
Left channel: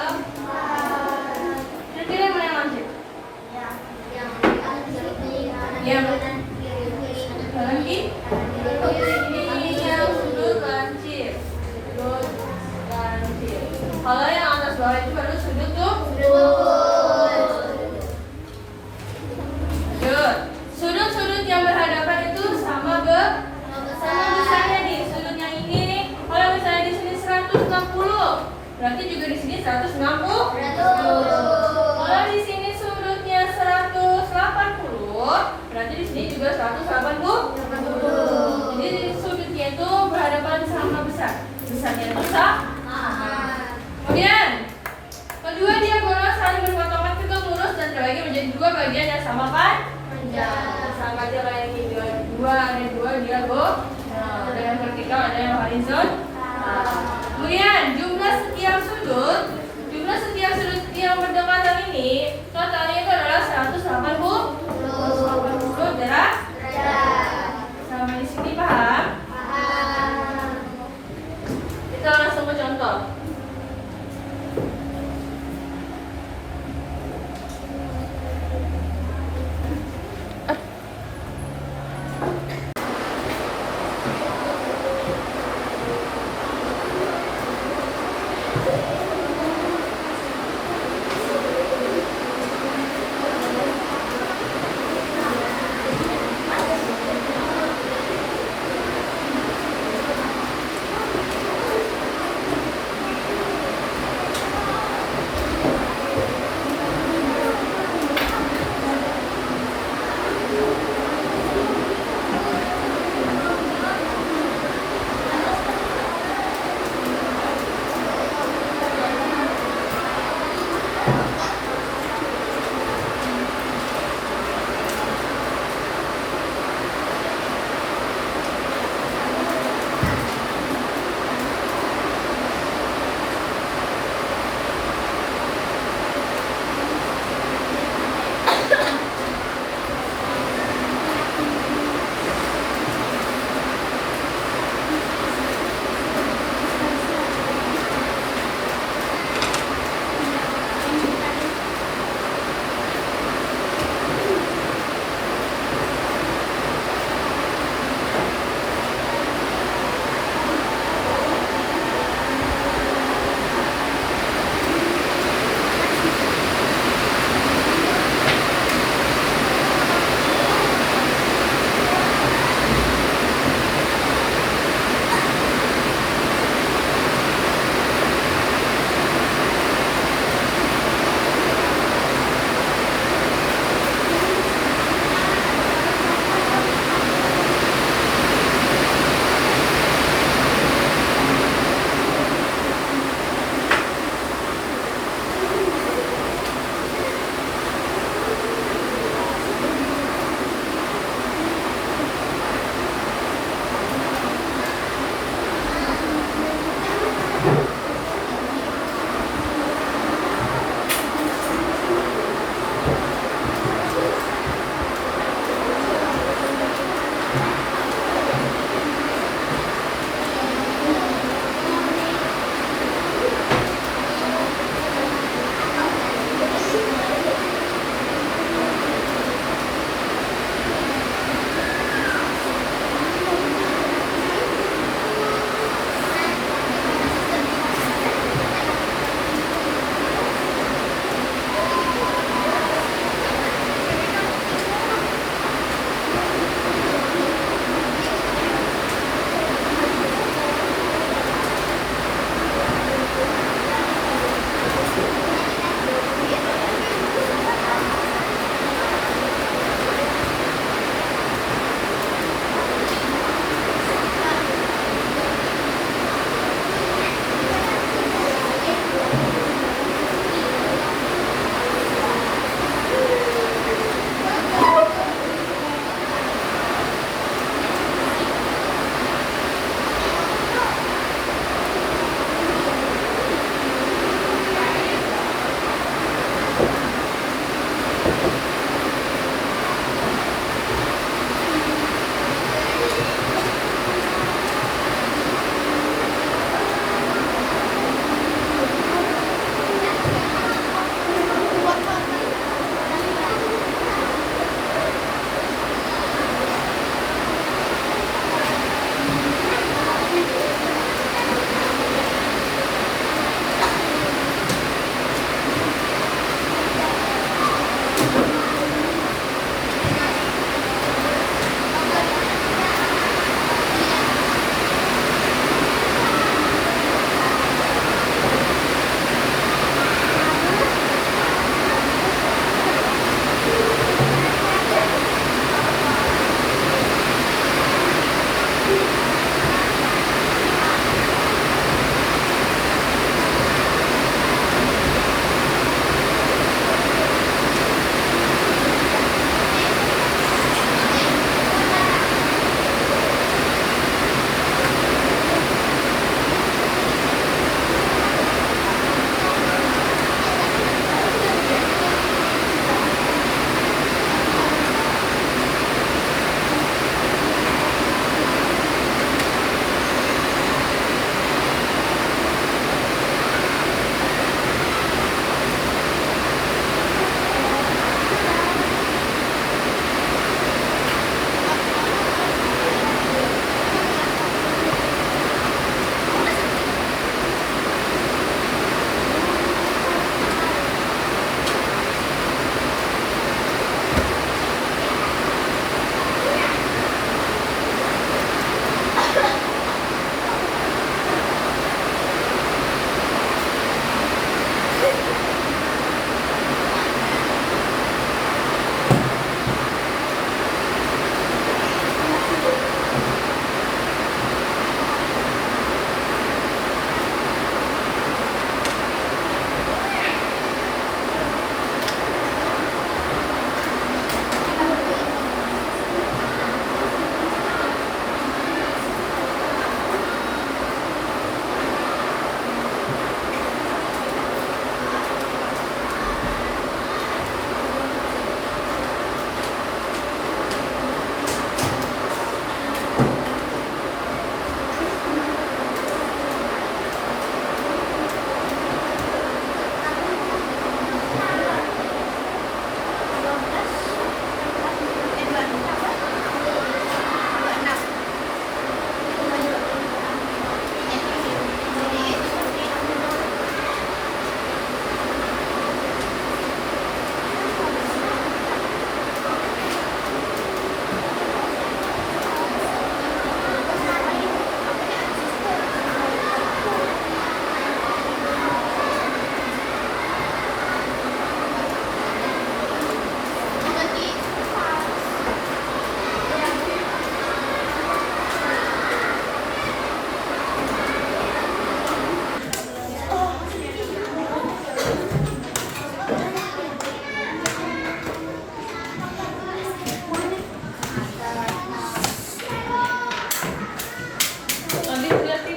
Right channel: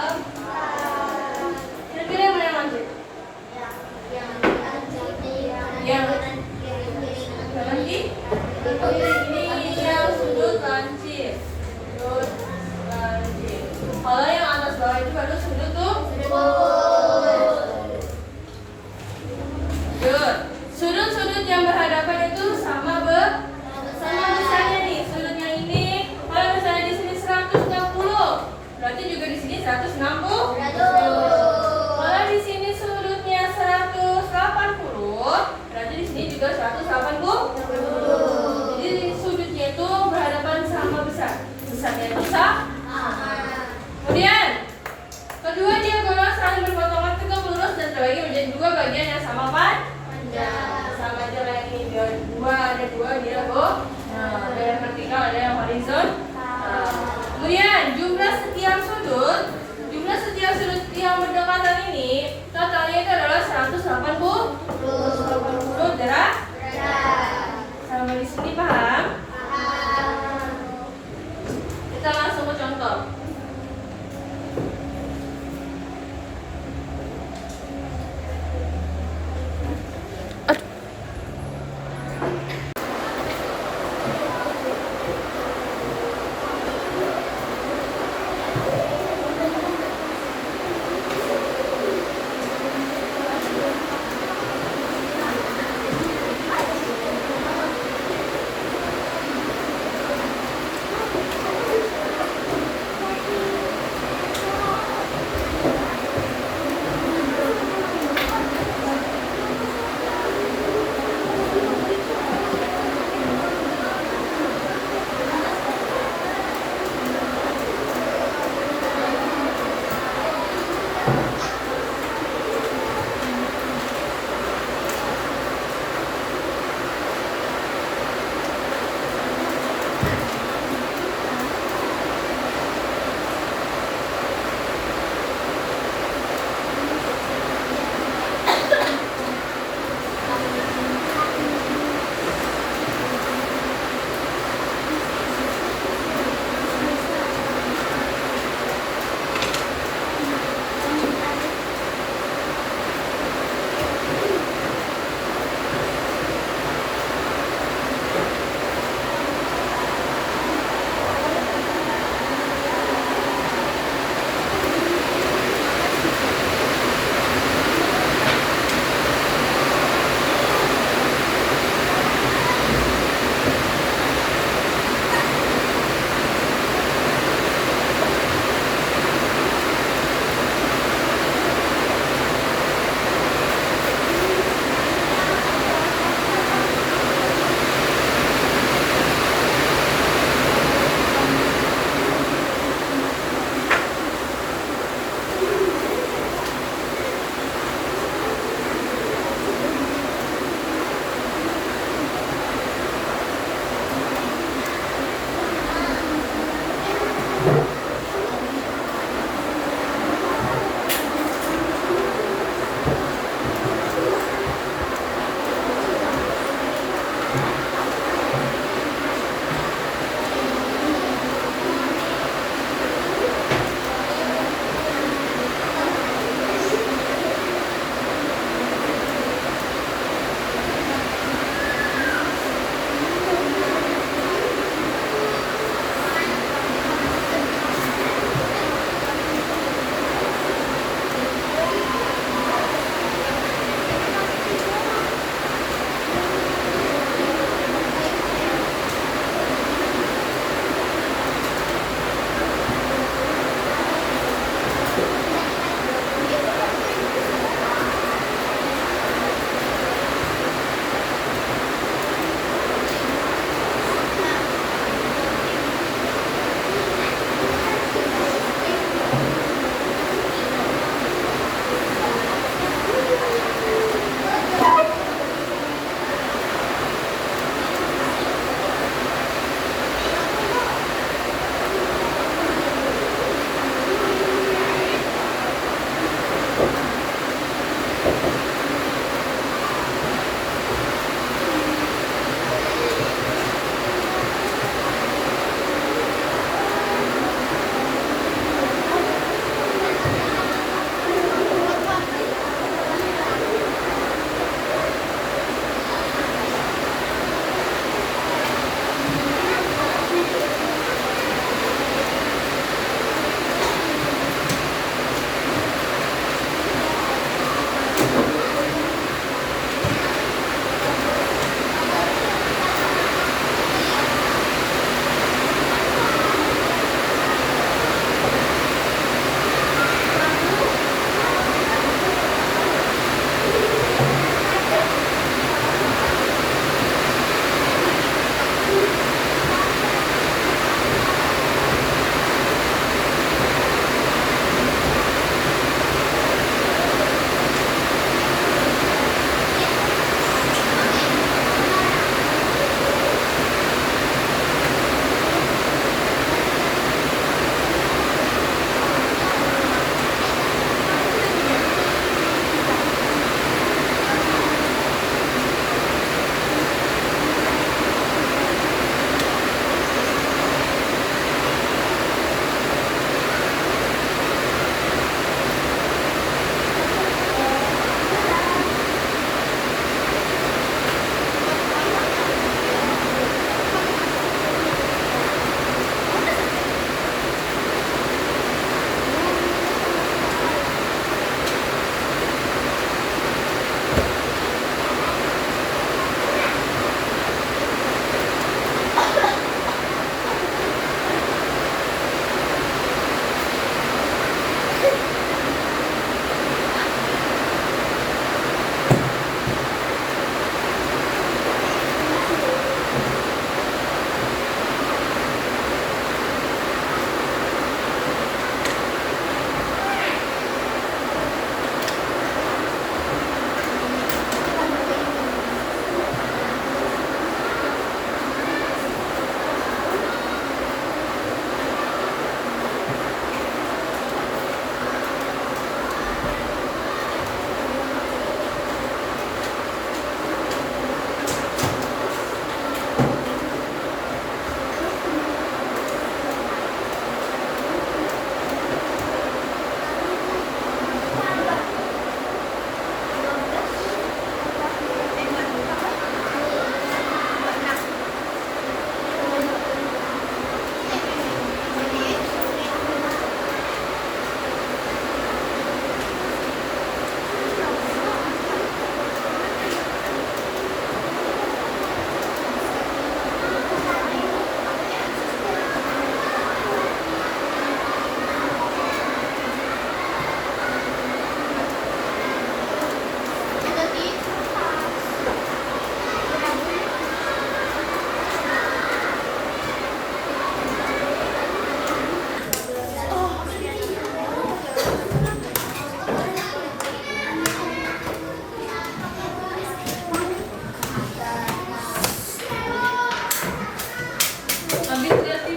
Kira-kira mana yang lancip? Yang kanan kiri. Ini yang sudut lancip. Sudut lancip. Kalau yang atas bawah itu baru sudut tuh. Sudut. Sudut-sudut yang berhadapan itu sama besarnya nih. Sudut yang ini, kalau misalnya di sini 160, berarti juga di sini 160. Kalau di sini sudutnya 180, berarti di sini juga 180. Jadi sudutnya itu berhadapan sama besarnya itu sama. Kemudian kedua diagonal saling berpotongan tegak lurus dan terbagi menjadi 2 bagian yang sama panjang. Sama aja kayak ini, ada dua diagonal. Ada yang vertikal, ada yang horizontal. Kemudian jumlah setiap sudut yang berdekatan ini totalnya itu adalah 180 derajat. Sampai di sini paham? Kita langsung ke contoh.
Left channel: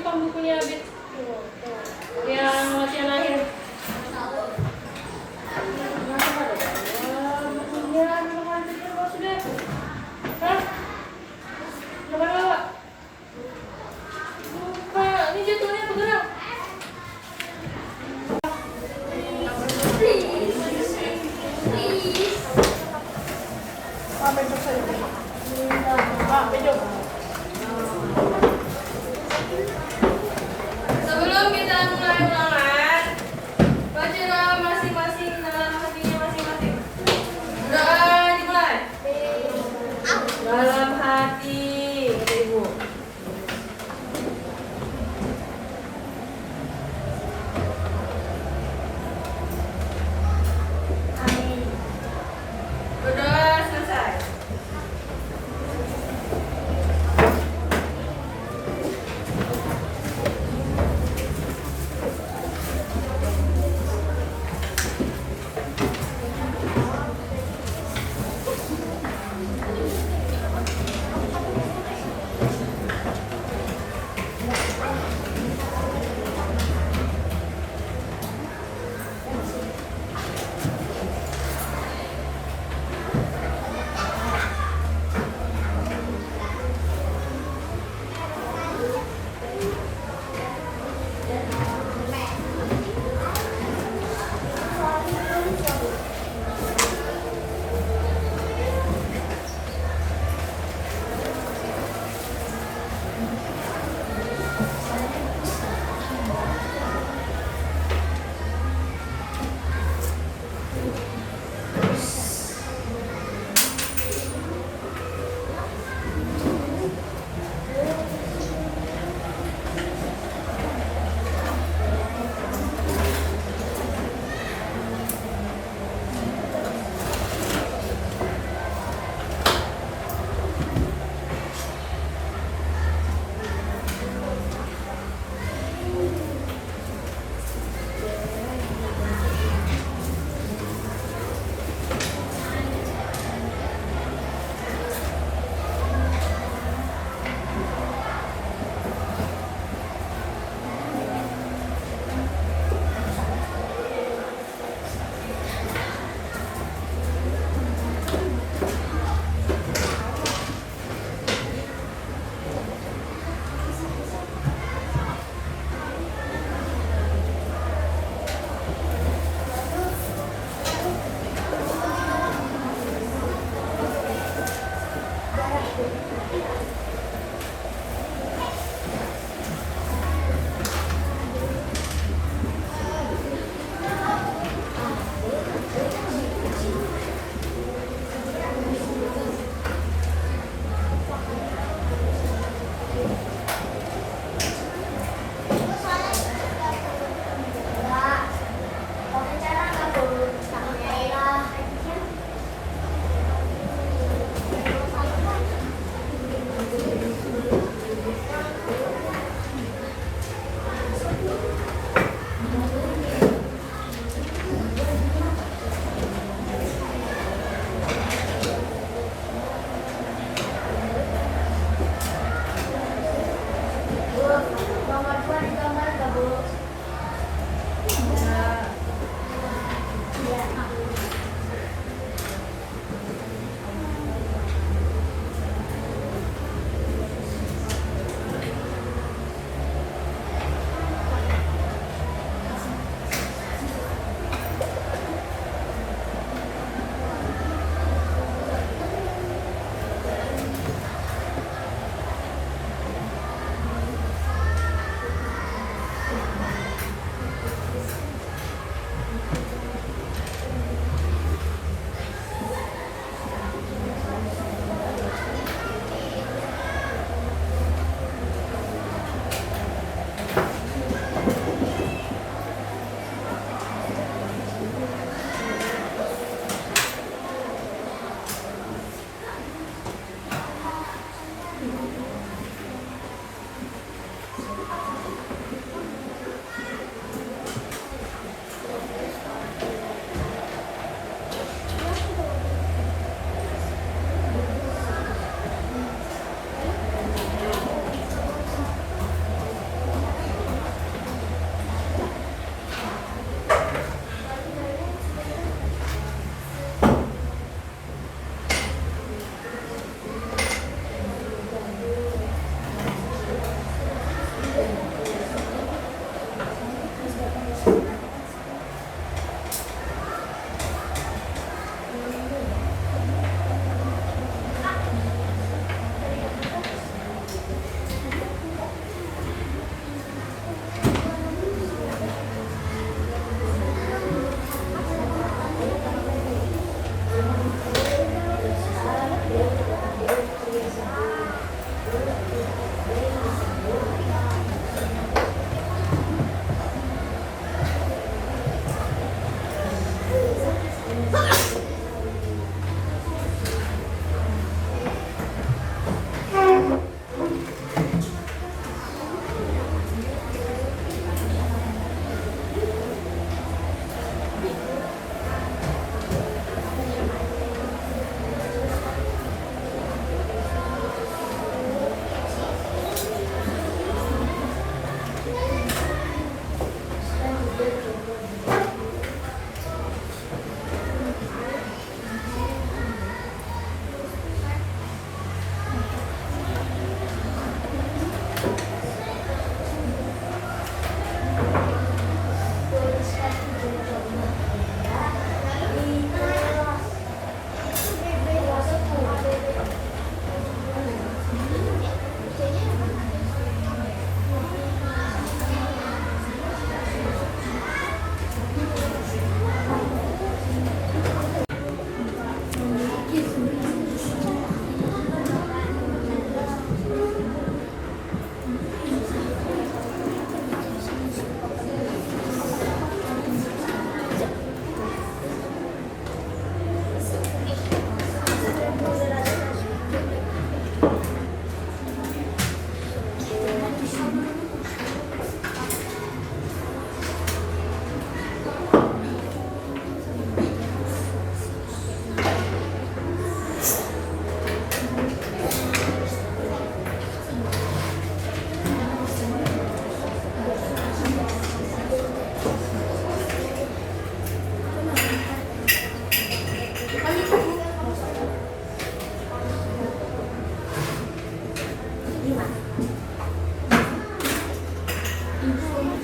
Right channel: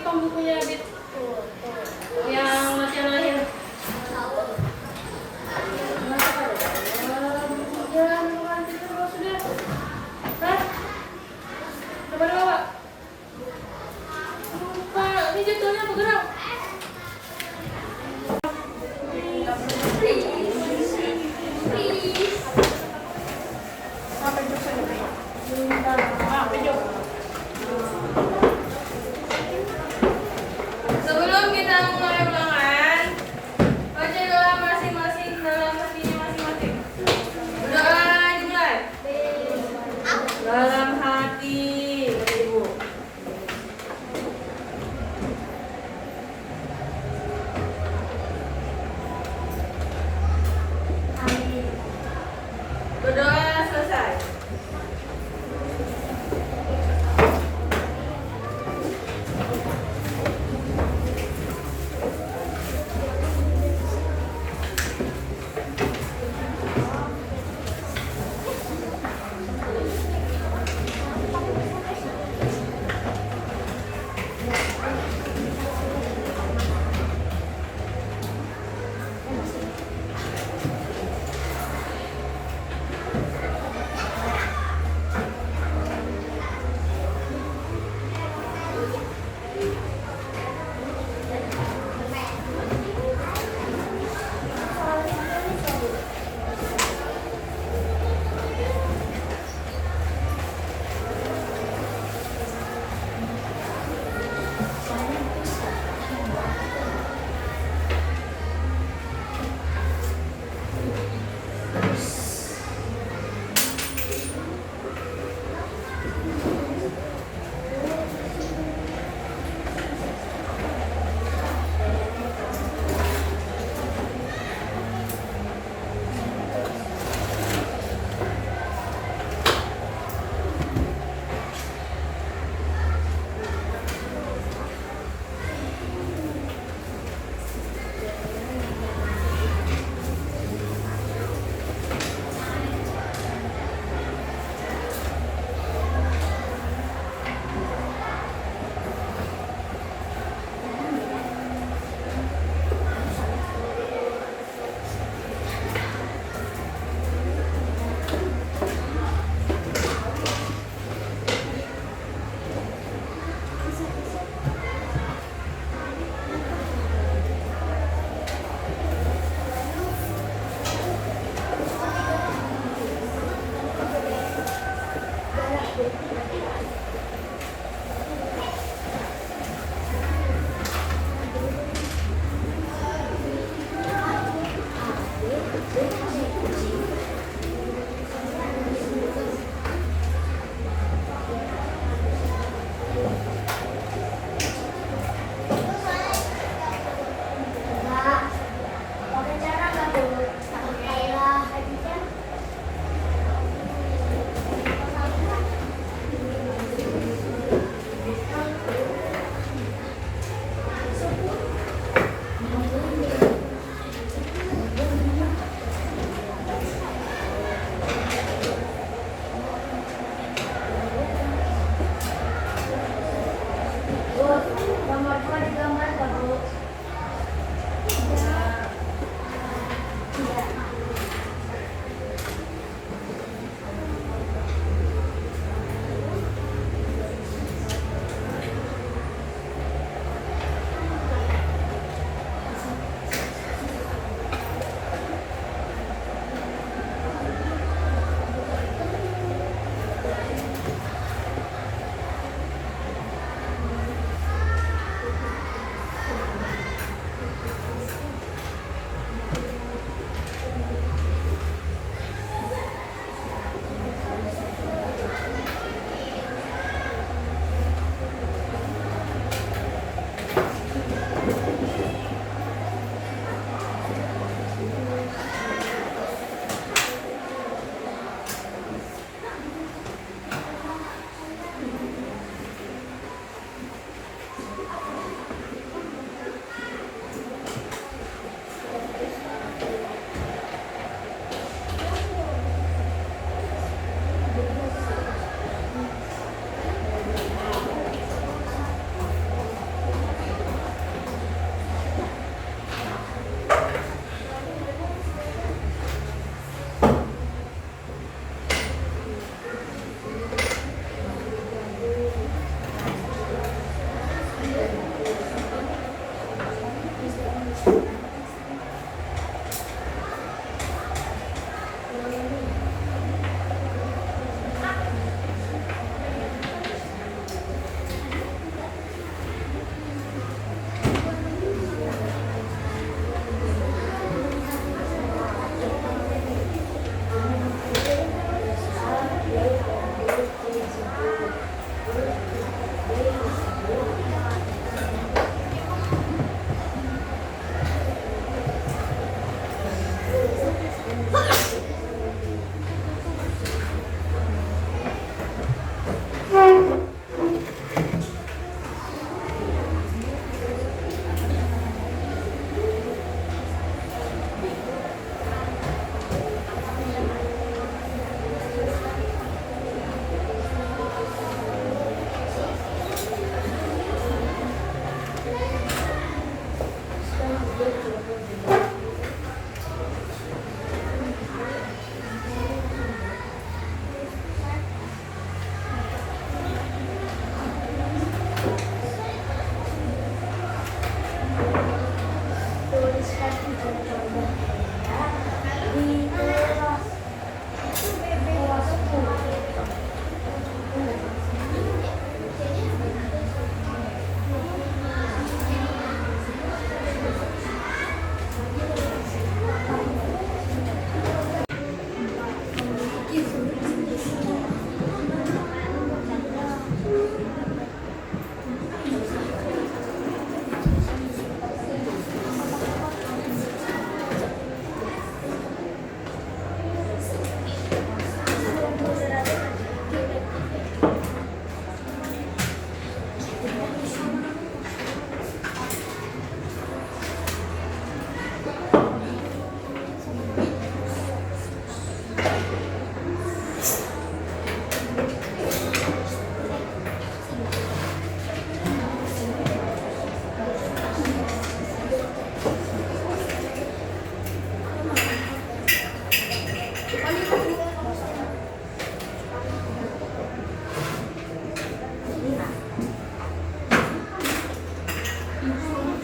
dong bukunya, Bit. Yang latihan akhir. Ini judulnya bergerak. Sebelum kita mulai ulangan, baca doa masing-masing dalam hatinya masing-masing. Doa dimulai. Dalam hati, kata Ibu. Berdoa selesai.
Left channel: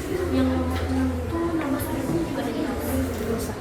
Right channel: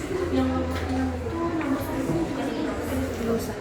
Yang itu nomor satu bukan ini. Nggak usah.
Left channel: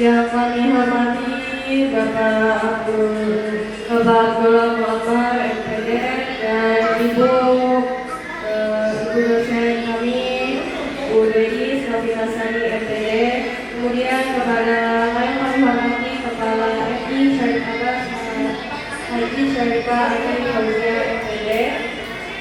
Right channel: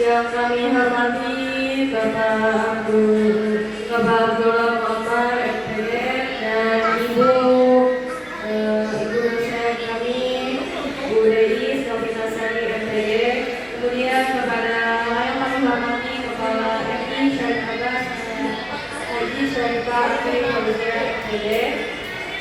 Yang kami hormati Bapak Abdullah Muammar MPD dan Ibu dosen kami Bu Deis Novinasani MPD. Kemudian kepada yang kami hormati Kepala FI Syarif Abbas Haji Syarifah FI Fauzia MPD,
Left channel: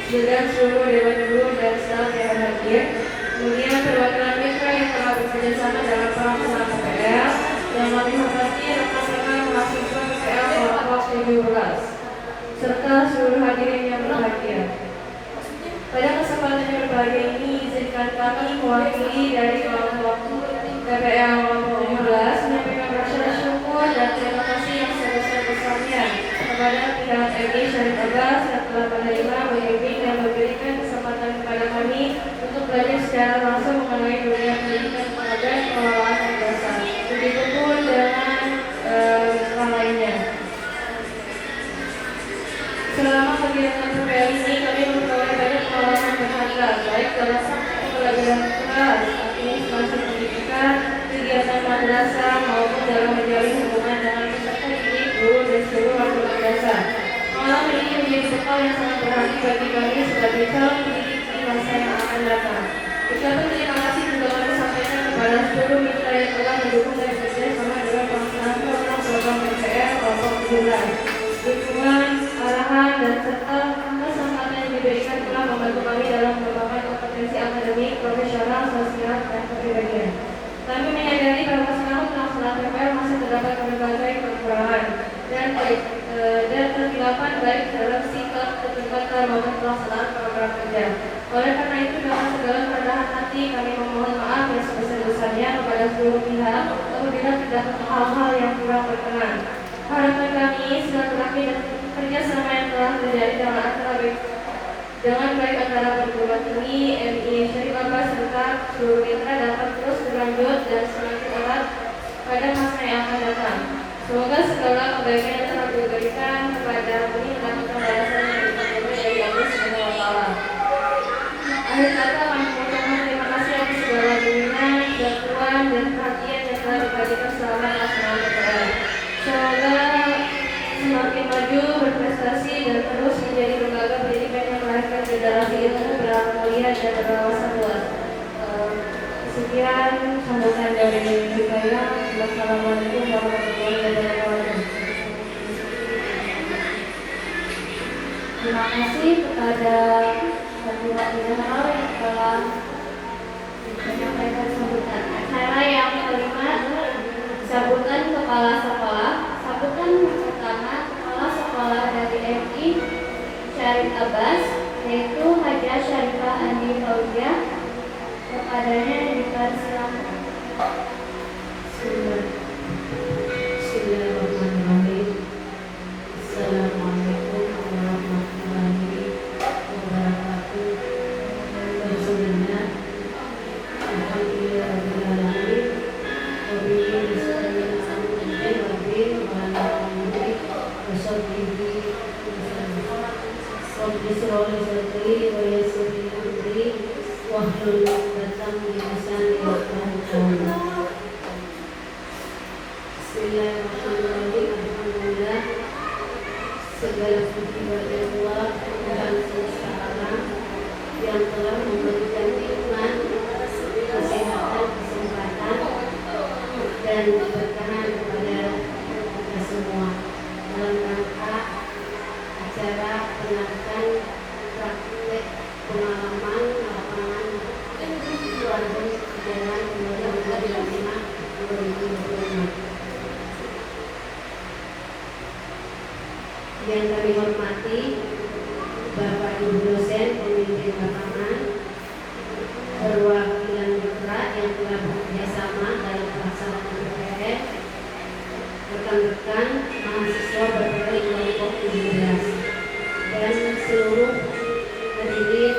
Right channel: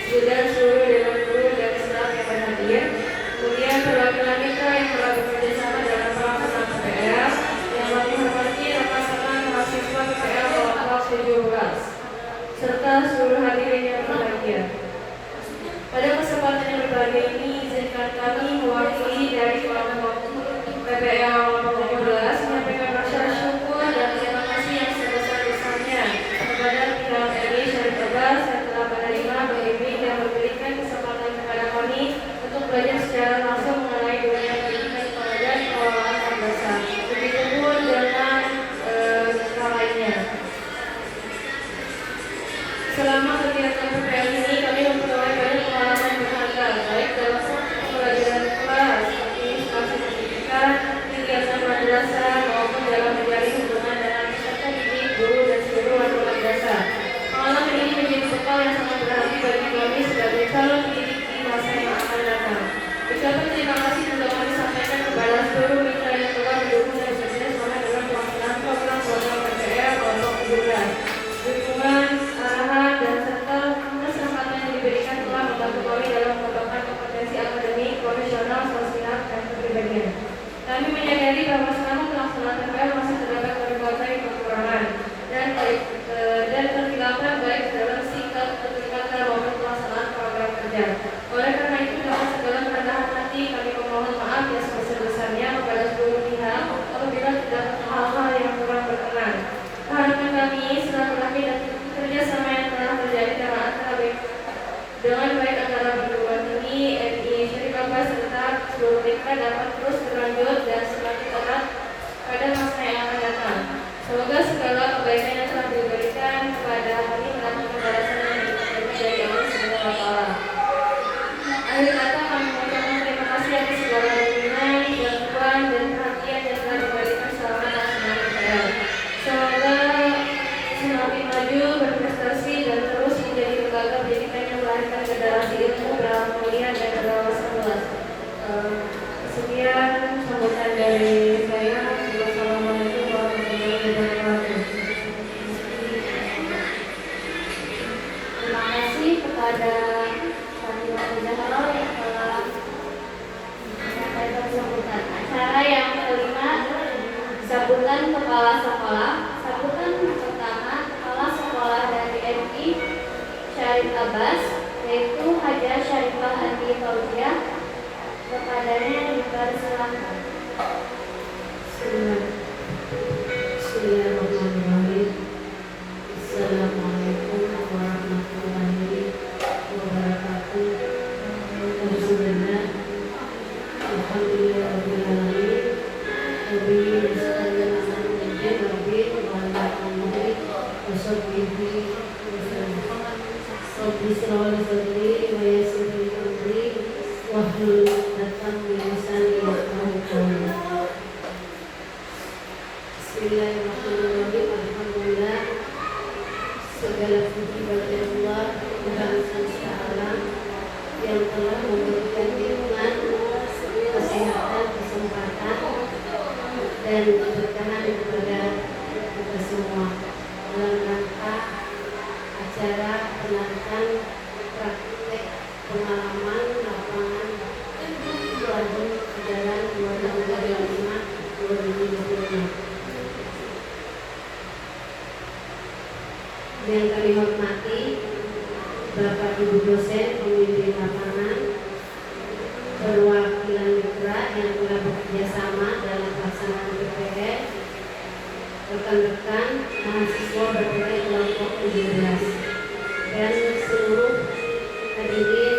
juga seluruh dewan guru dan staf yang hadir. Kemudian perwakilan mitra yang telah bekerja sama dalam pelaksanaan PPL. Yang kami hormati rekan-rekan mahasiswa PPL kelompok 17 serta seluruh hadirin yang berbahagia. Pada kesempatan yang berbahagia ini, izinkan kami mewakili dari kelompok PPL kelompok 17 menyampaikan rasa syukur dan terima kasih yang sebesar-besarnya kepada pihak MI Syarif Abbas yang telah menerima, membimbing dan memberikan kesempatan kepada kami untuk belajar secara langsung mengenai dunia pendidikan pengajar pengelolaan madrasah. Begitupun dengan hal lainnya. Selama kegiatan PPL ini kami memperoleh banyak pengalaman berharga, baik dalam pembelajaran kelas, administrasi pendidikan, kegiatan madrasah maupun dalam menjalin hubungan dengan peserta didik, guru dan seluruh warga madrasah. Pengalaman ini menjadi bekal yang sangat berarti bagi kami sebagai calon pendidik di masa yang akan datang. Ucapan terima kasih juga kami sampaikan kepada seluruh mitra yang telah mendukung dan bekerja sama dengan pelaksanaan program PPL kelompok 17. Dukungan, arahan, dan serta kesempatan yang diberikan telah membantu kami dalam mengembangkan kompetensi akademik, profesional, sosial, dan kepribadian. Kami menyadari bahwa selama pelaksanaan PPL masih terdapat berbagai kekurangan dan kesilapan baik dalam sikap, kecepatan maupun pelaksanaan program kerja. Oleh karena itu, dengan segala kerendahan hati kami memohon maaf yang sebesar-besarnya kepada seluruh pihak apabila terdapat hal-hal yang kurang berkenan. Harapan kami silaturahmi dan kerjasama yang telah terjadi dengan baik antara perguruan tinggi MI Syarif Abbas serta seluruh mitra dapat terus berlanjut dan semakin erat pada masa yang akan datang. Semoga segala kebaikan yang telah diberikan kepada kami mendapatkan balasan yang diberikan dari Allah Subhanahu wa Ta'ala. Akhir kata kami mengucapkan terima kasih atas segala bimbingan, bantuan dan perhatian yang telah diberikan selama pelaksanaan PPL. Semoga semakin maju, berprestasi dan terus menjadi lembaga pendidikan yang melahirkan generasi ilmu mulia dan berwawasan luas. Sekian sambutan dari saya. Wassalamualaikum warahmatullahi wabarakatuh. Terima kasih kepada Pimpinan yang telah menyampaikan sambutan. Acara yang kelima, sambutan kepala sekolah. Sambutan pertama, kepala sekolah dari MI Syarif Abbas, yaitu Hajah Syarifah Andi Fauzia. Kepadanya dipersilakan. Bismillahirrahmanirrahim. Assalamualaikum warahmatullahi wabarakatuh. Bismillah. Alhamdulillahirabbil alamin. Wabihi nasta'in ala umuri wabil wa ala alihi wa sahbihi wasallam. Rabbi shrah li sadri wa yassir li amri wahlul 'uqdatam min lisani yafqahu qawli. Bismillahirrahmanirrahim. Alhamdulillah, segala puji ibadillah Tuhan semesta alam yang telah memberikan iman, kesehatan, kesempatan dan keberkahan kepada kita semua dalam rangka acara penarikan praktek pengalaman lapangan padu jalan 2025-2026. Yang kami hormati Bapak Ibu dosen pemimpin lapangan, perwakilan mitra yang telah bekerja sama dalam pelaksanaan PPL, rekan-rekan mahasiswa berbagai kelompok 17 dan seluruh hadirin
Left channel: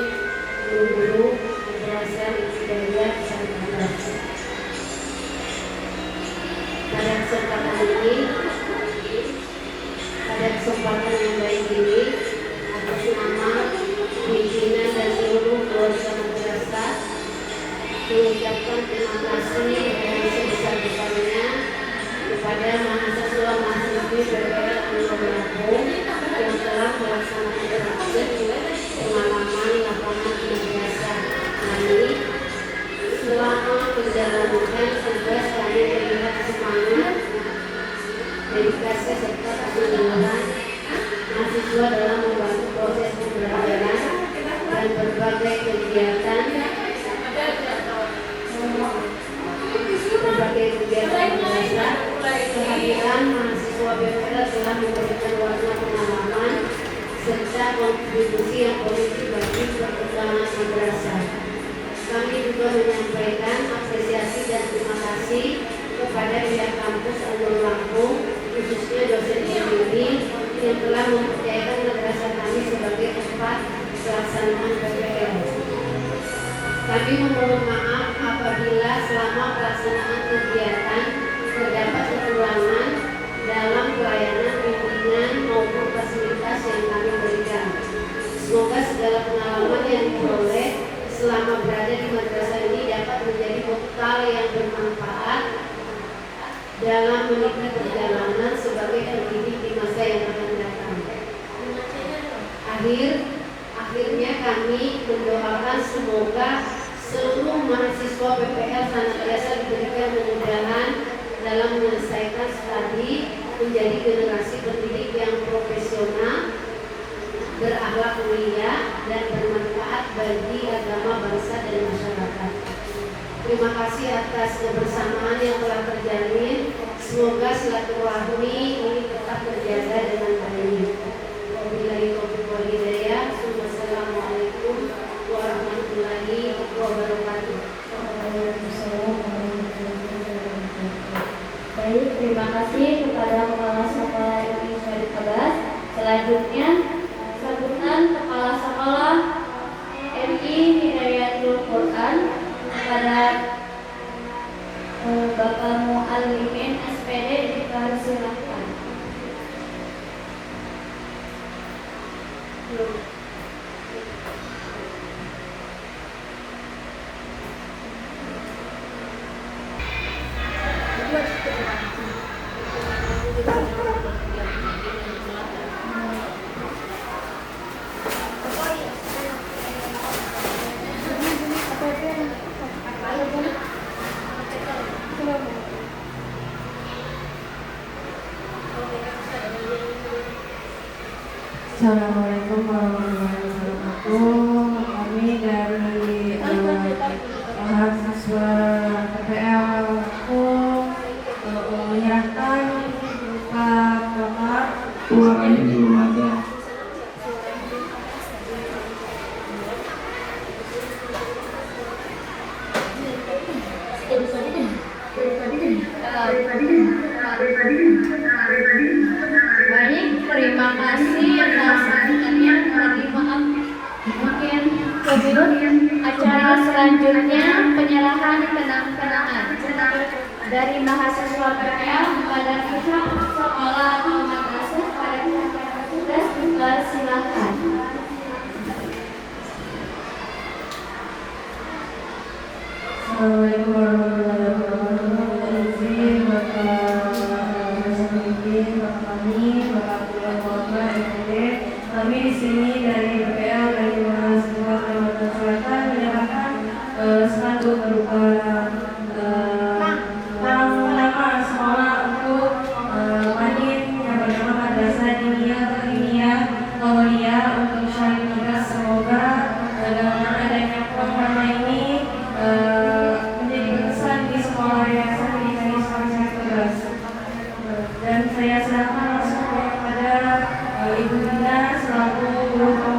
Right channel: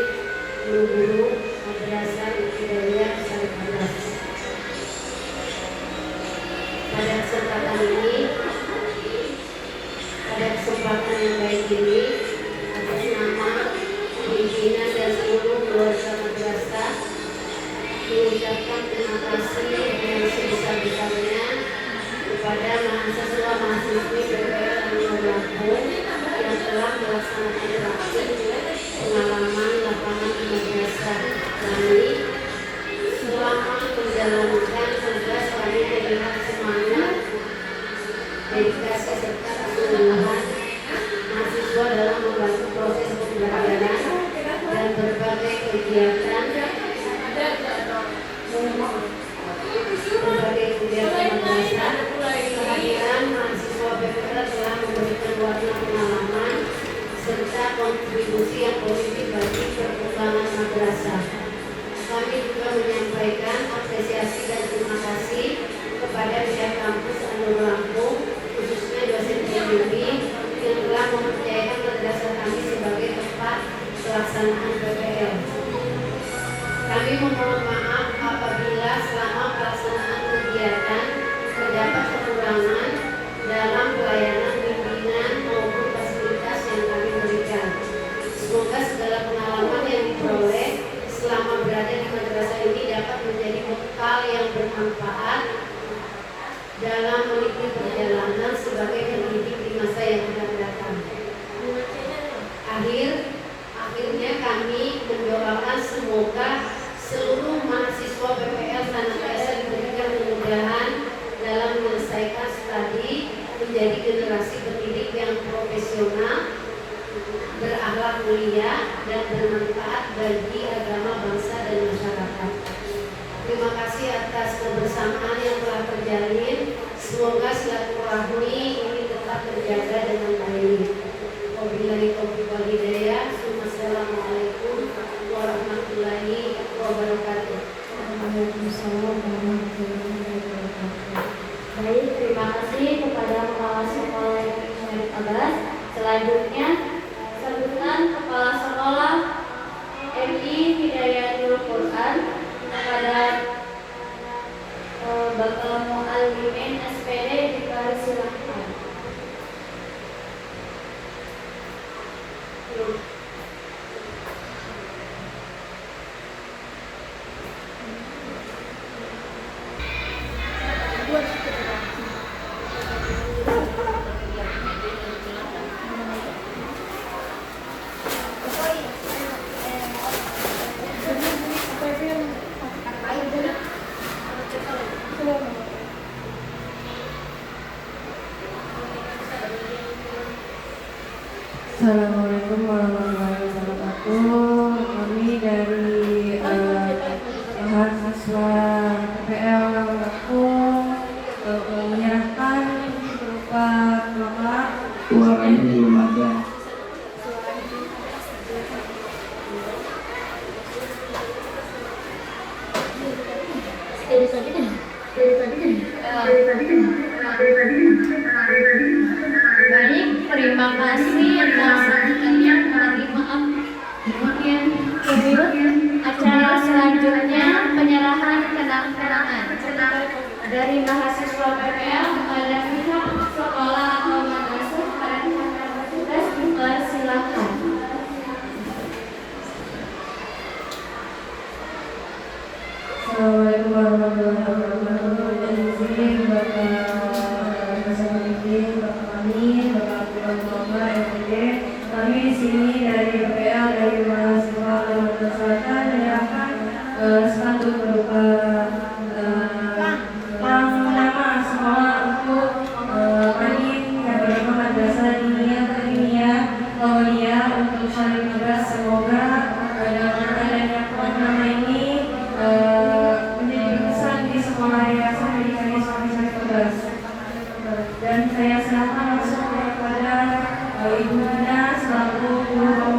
guru-guru madrasah ibtidaiyah Syarif Atas. Pada kesempatan yang baik ini, atas nama pimpinan dan seluruh keluarga madrasah mengucapkan terima kasih yang sebesar-besarnya kepada mahasiswa-mahasiswi PPL Anwar Lampung yang telah melaksanakan praktik pengalaman lapangan di madrasah kami. Selama menjalankan tugas kami melihat semangat, dedikasi serta kesungguhan mahasiswa dalam membantu proses pembelajaran dan berbagai kegiatan madrasah. Kehadiran mahasiswa PPL telah memberikan warna pengalaman serta kontribusi yang positif bagi perkembangan madrasah. Kami juga menyampaikan apresiasi dan terima kasih kepada pihak kampus Anwar Lampung, khususnya dosen pembimbing yang telah mempercayakan madrasah kami sebagai tempat pelaksanaan PPL. Kami memohon maaf apabila selama pelaksanaan kegiatan terdapat kekurangan dalam pelayanan bimbingan maupun fasilitas yang kami berikan. Semoga segala pengalaman yang diperoleh selama berada di madrasah ini dapat menjadi bekal yang bermanfaat dalam menikmati perjalanan sebagai pendidik di masa yang akan datang. Akhirnya kami mendoakan semoga seluruh mahasiswa PPL senantiasa diberikan kemudahan dalam menyelesaikan studi, menjadi generasi pendidik yang profesional, berakhlak mulia dan bermanfaat bagi agama, bangsa dan masyarakat. Terima kasih atas kebersamaan yang telah terjalin. Semoga silaturahmi ini tetap terjaga dengan baik. Wabillahi taufiq wal hidayah. Wassalamualaikum warahmatullahi wabarakatuh. Waalaikumsalam warahmatullahi wabarakatuh. Baik, terima kasih kepada Kepala Sekolah MI Syarif Abbas. Selanjutnya sambutan Kepala Sekolah MI Hidayatul Quran kepada Bapak Muallimin SPD dipersilakan. Assalamualaikum warahmatullahi wabarakatuh. Kami dari mahasiswa PPL Lampung menyerahkan berupa Bapak. Suaranya belum ada. Baik, terima kasih atas perhatiannya. Mohon maaf, mungkin kebut acara selanjutnya penyerahan kenang-kenangan dari mahasiswa PPL kepada pihak sekolah atau madrasah pada pihak petugas dipersilakan. Assalamualaikum warahmatullahi wabarakatuh. Izin Bapak Dosen Pembimbing, Bapak kami, Bapak Abdullah Muhammad, MPD, Kami di sini dari BPL dari Mahasiswa Kalimantan Selatan menyerahkan spanduk berupa nama sekolah untuk Madin yang bernama Madrasah Diniyah Ilmiah Aulia untuk Syarif Tugas. Semoga dengan adanya nama ini menjadi berkesan di sekolah yang saya berikan Syarif Tugas. Dan saya serahkan langsung kepada Ibu Dina selaku guru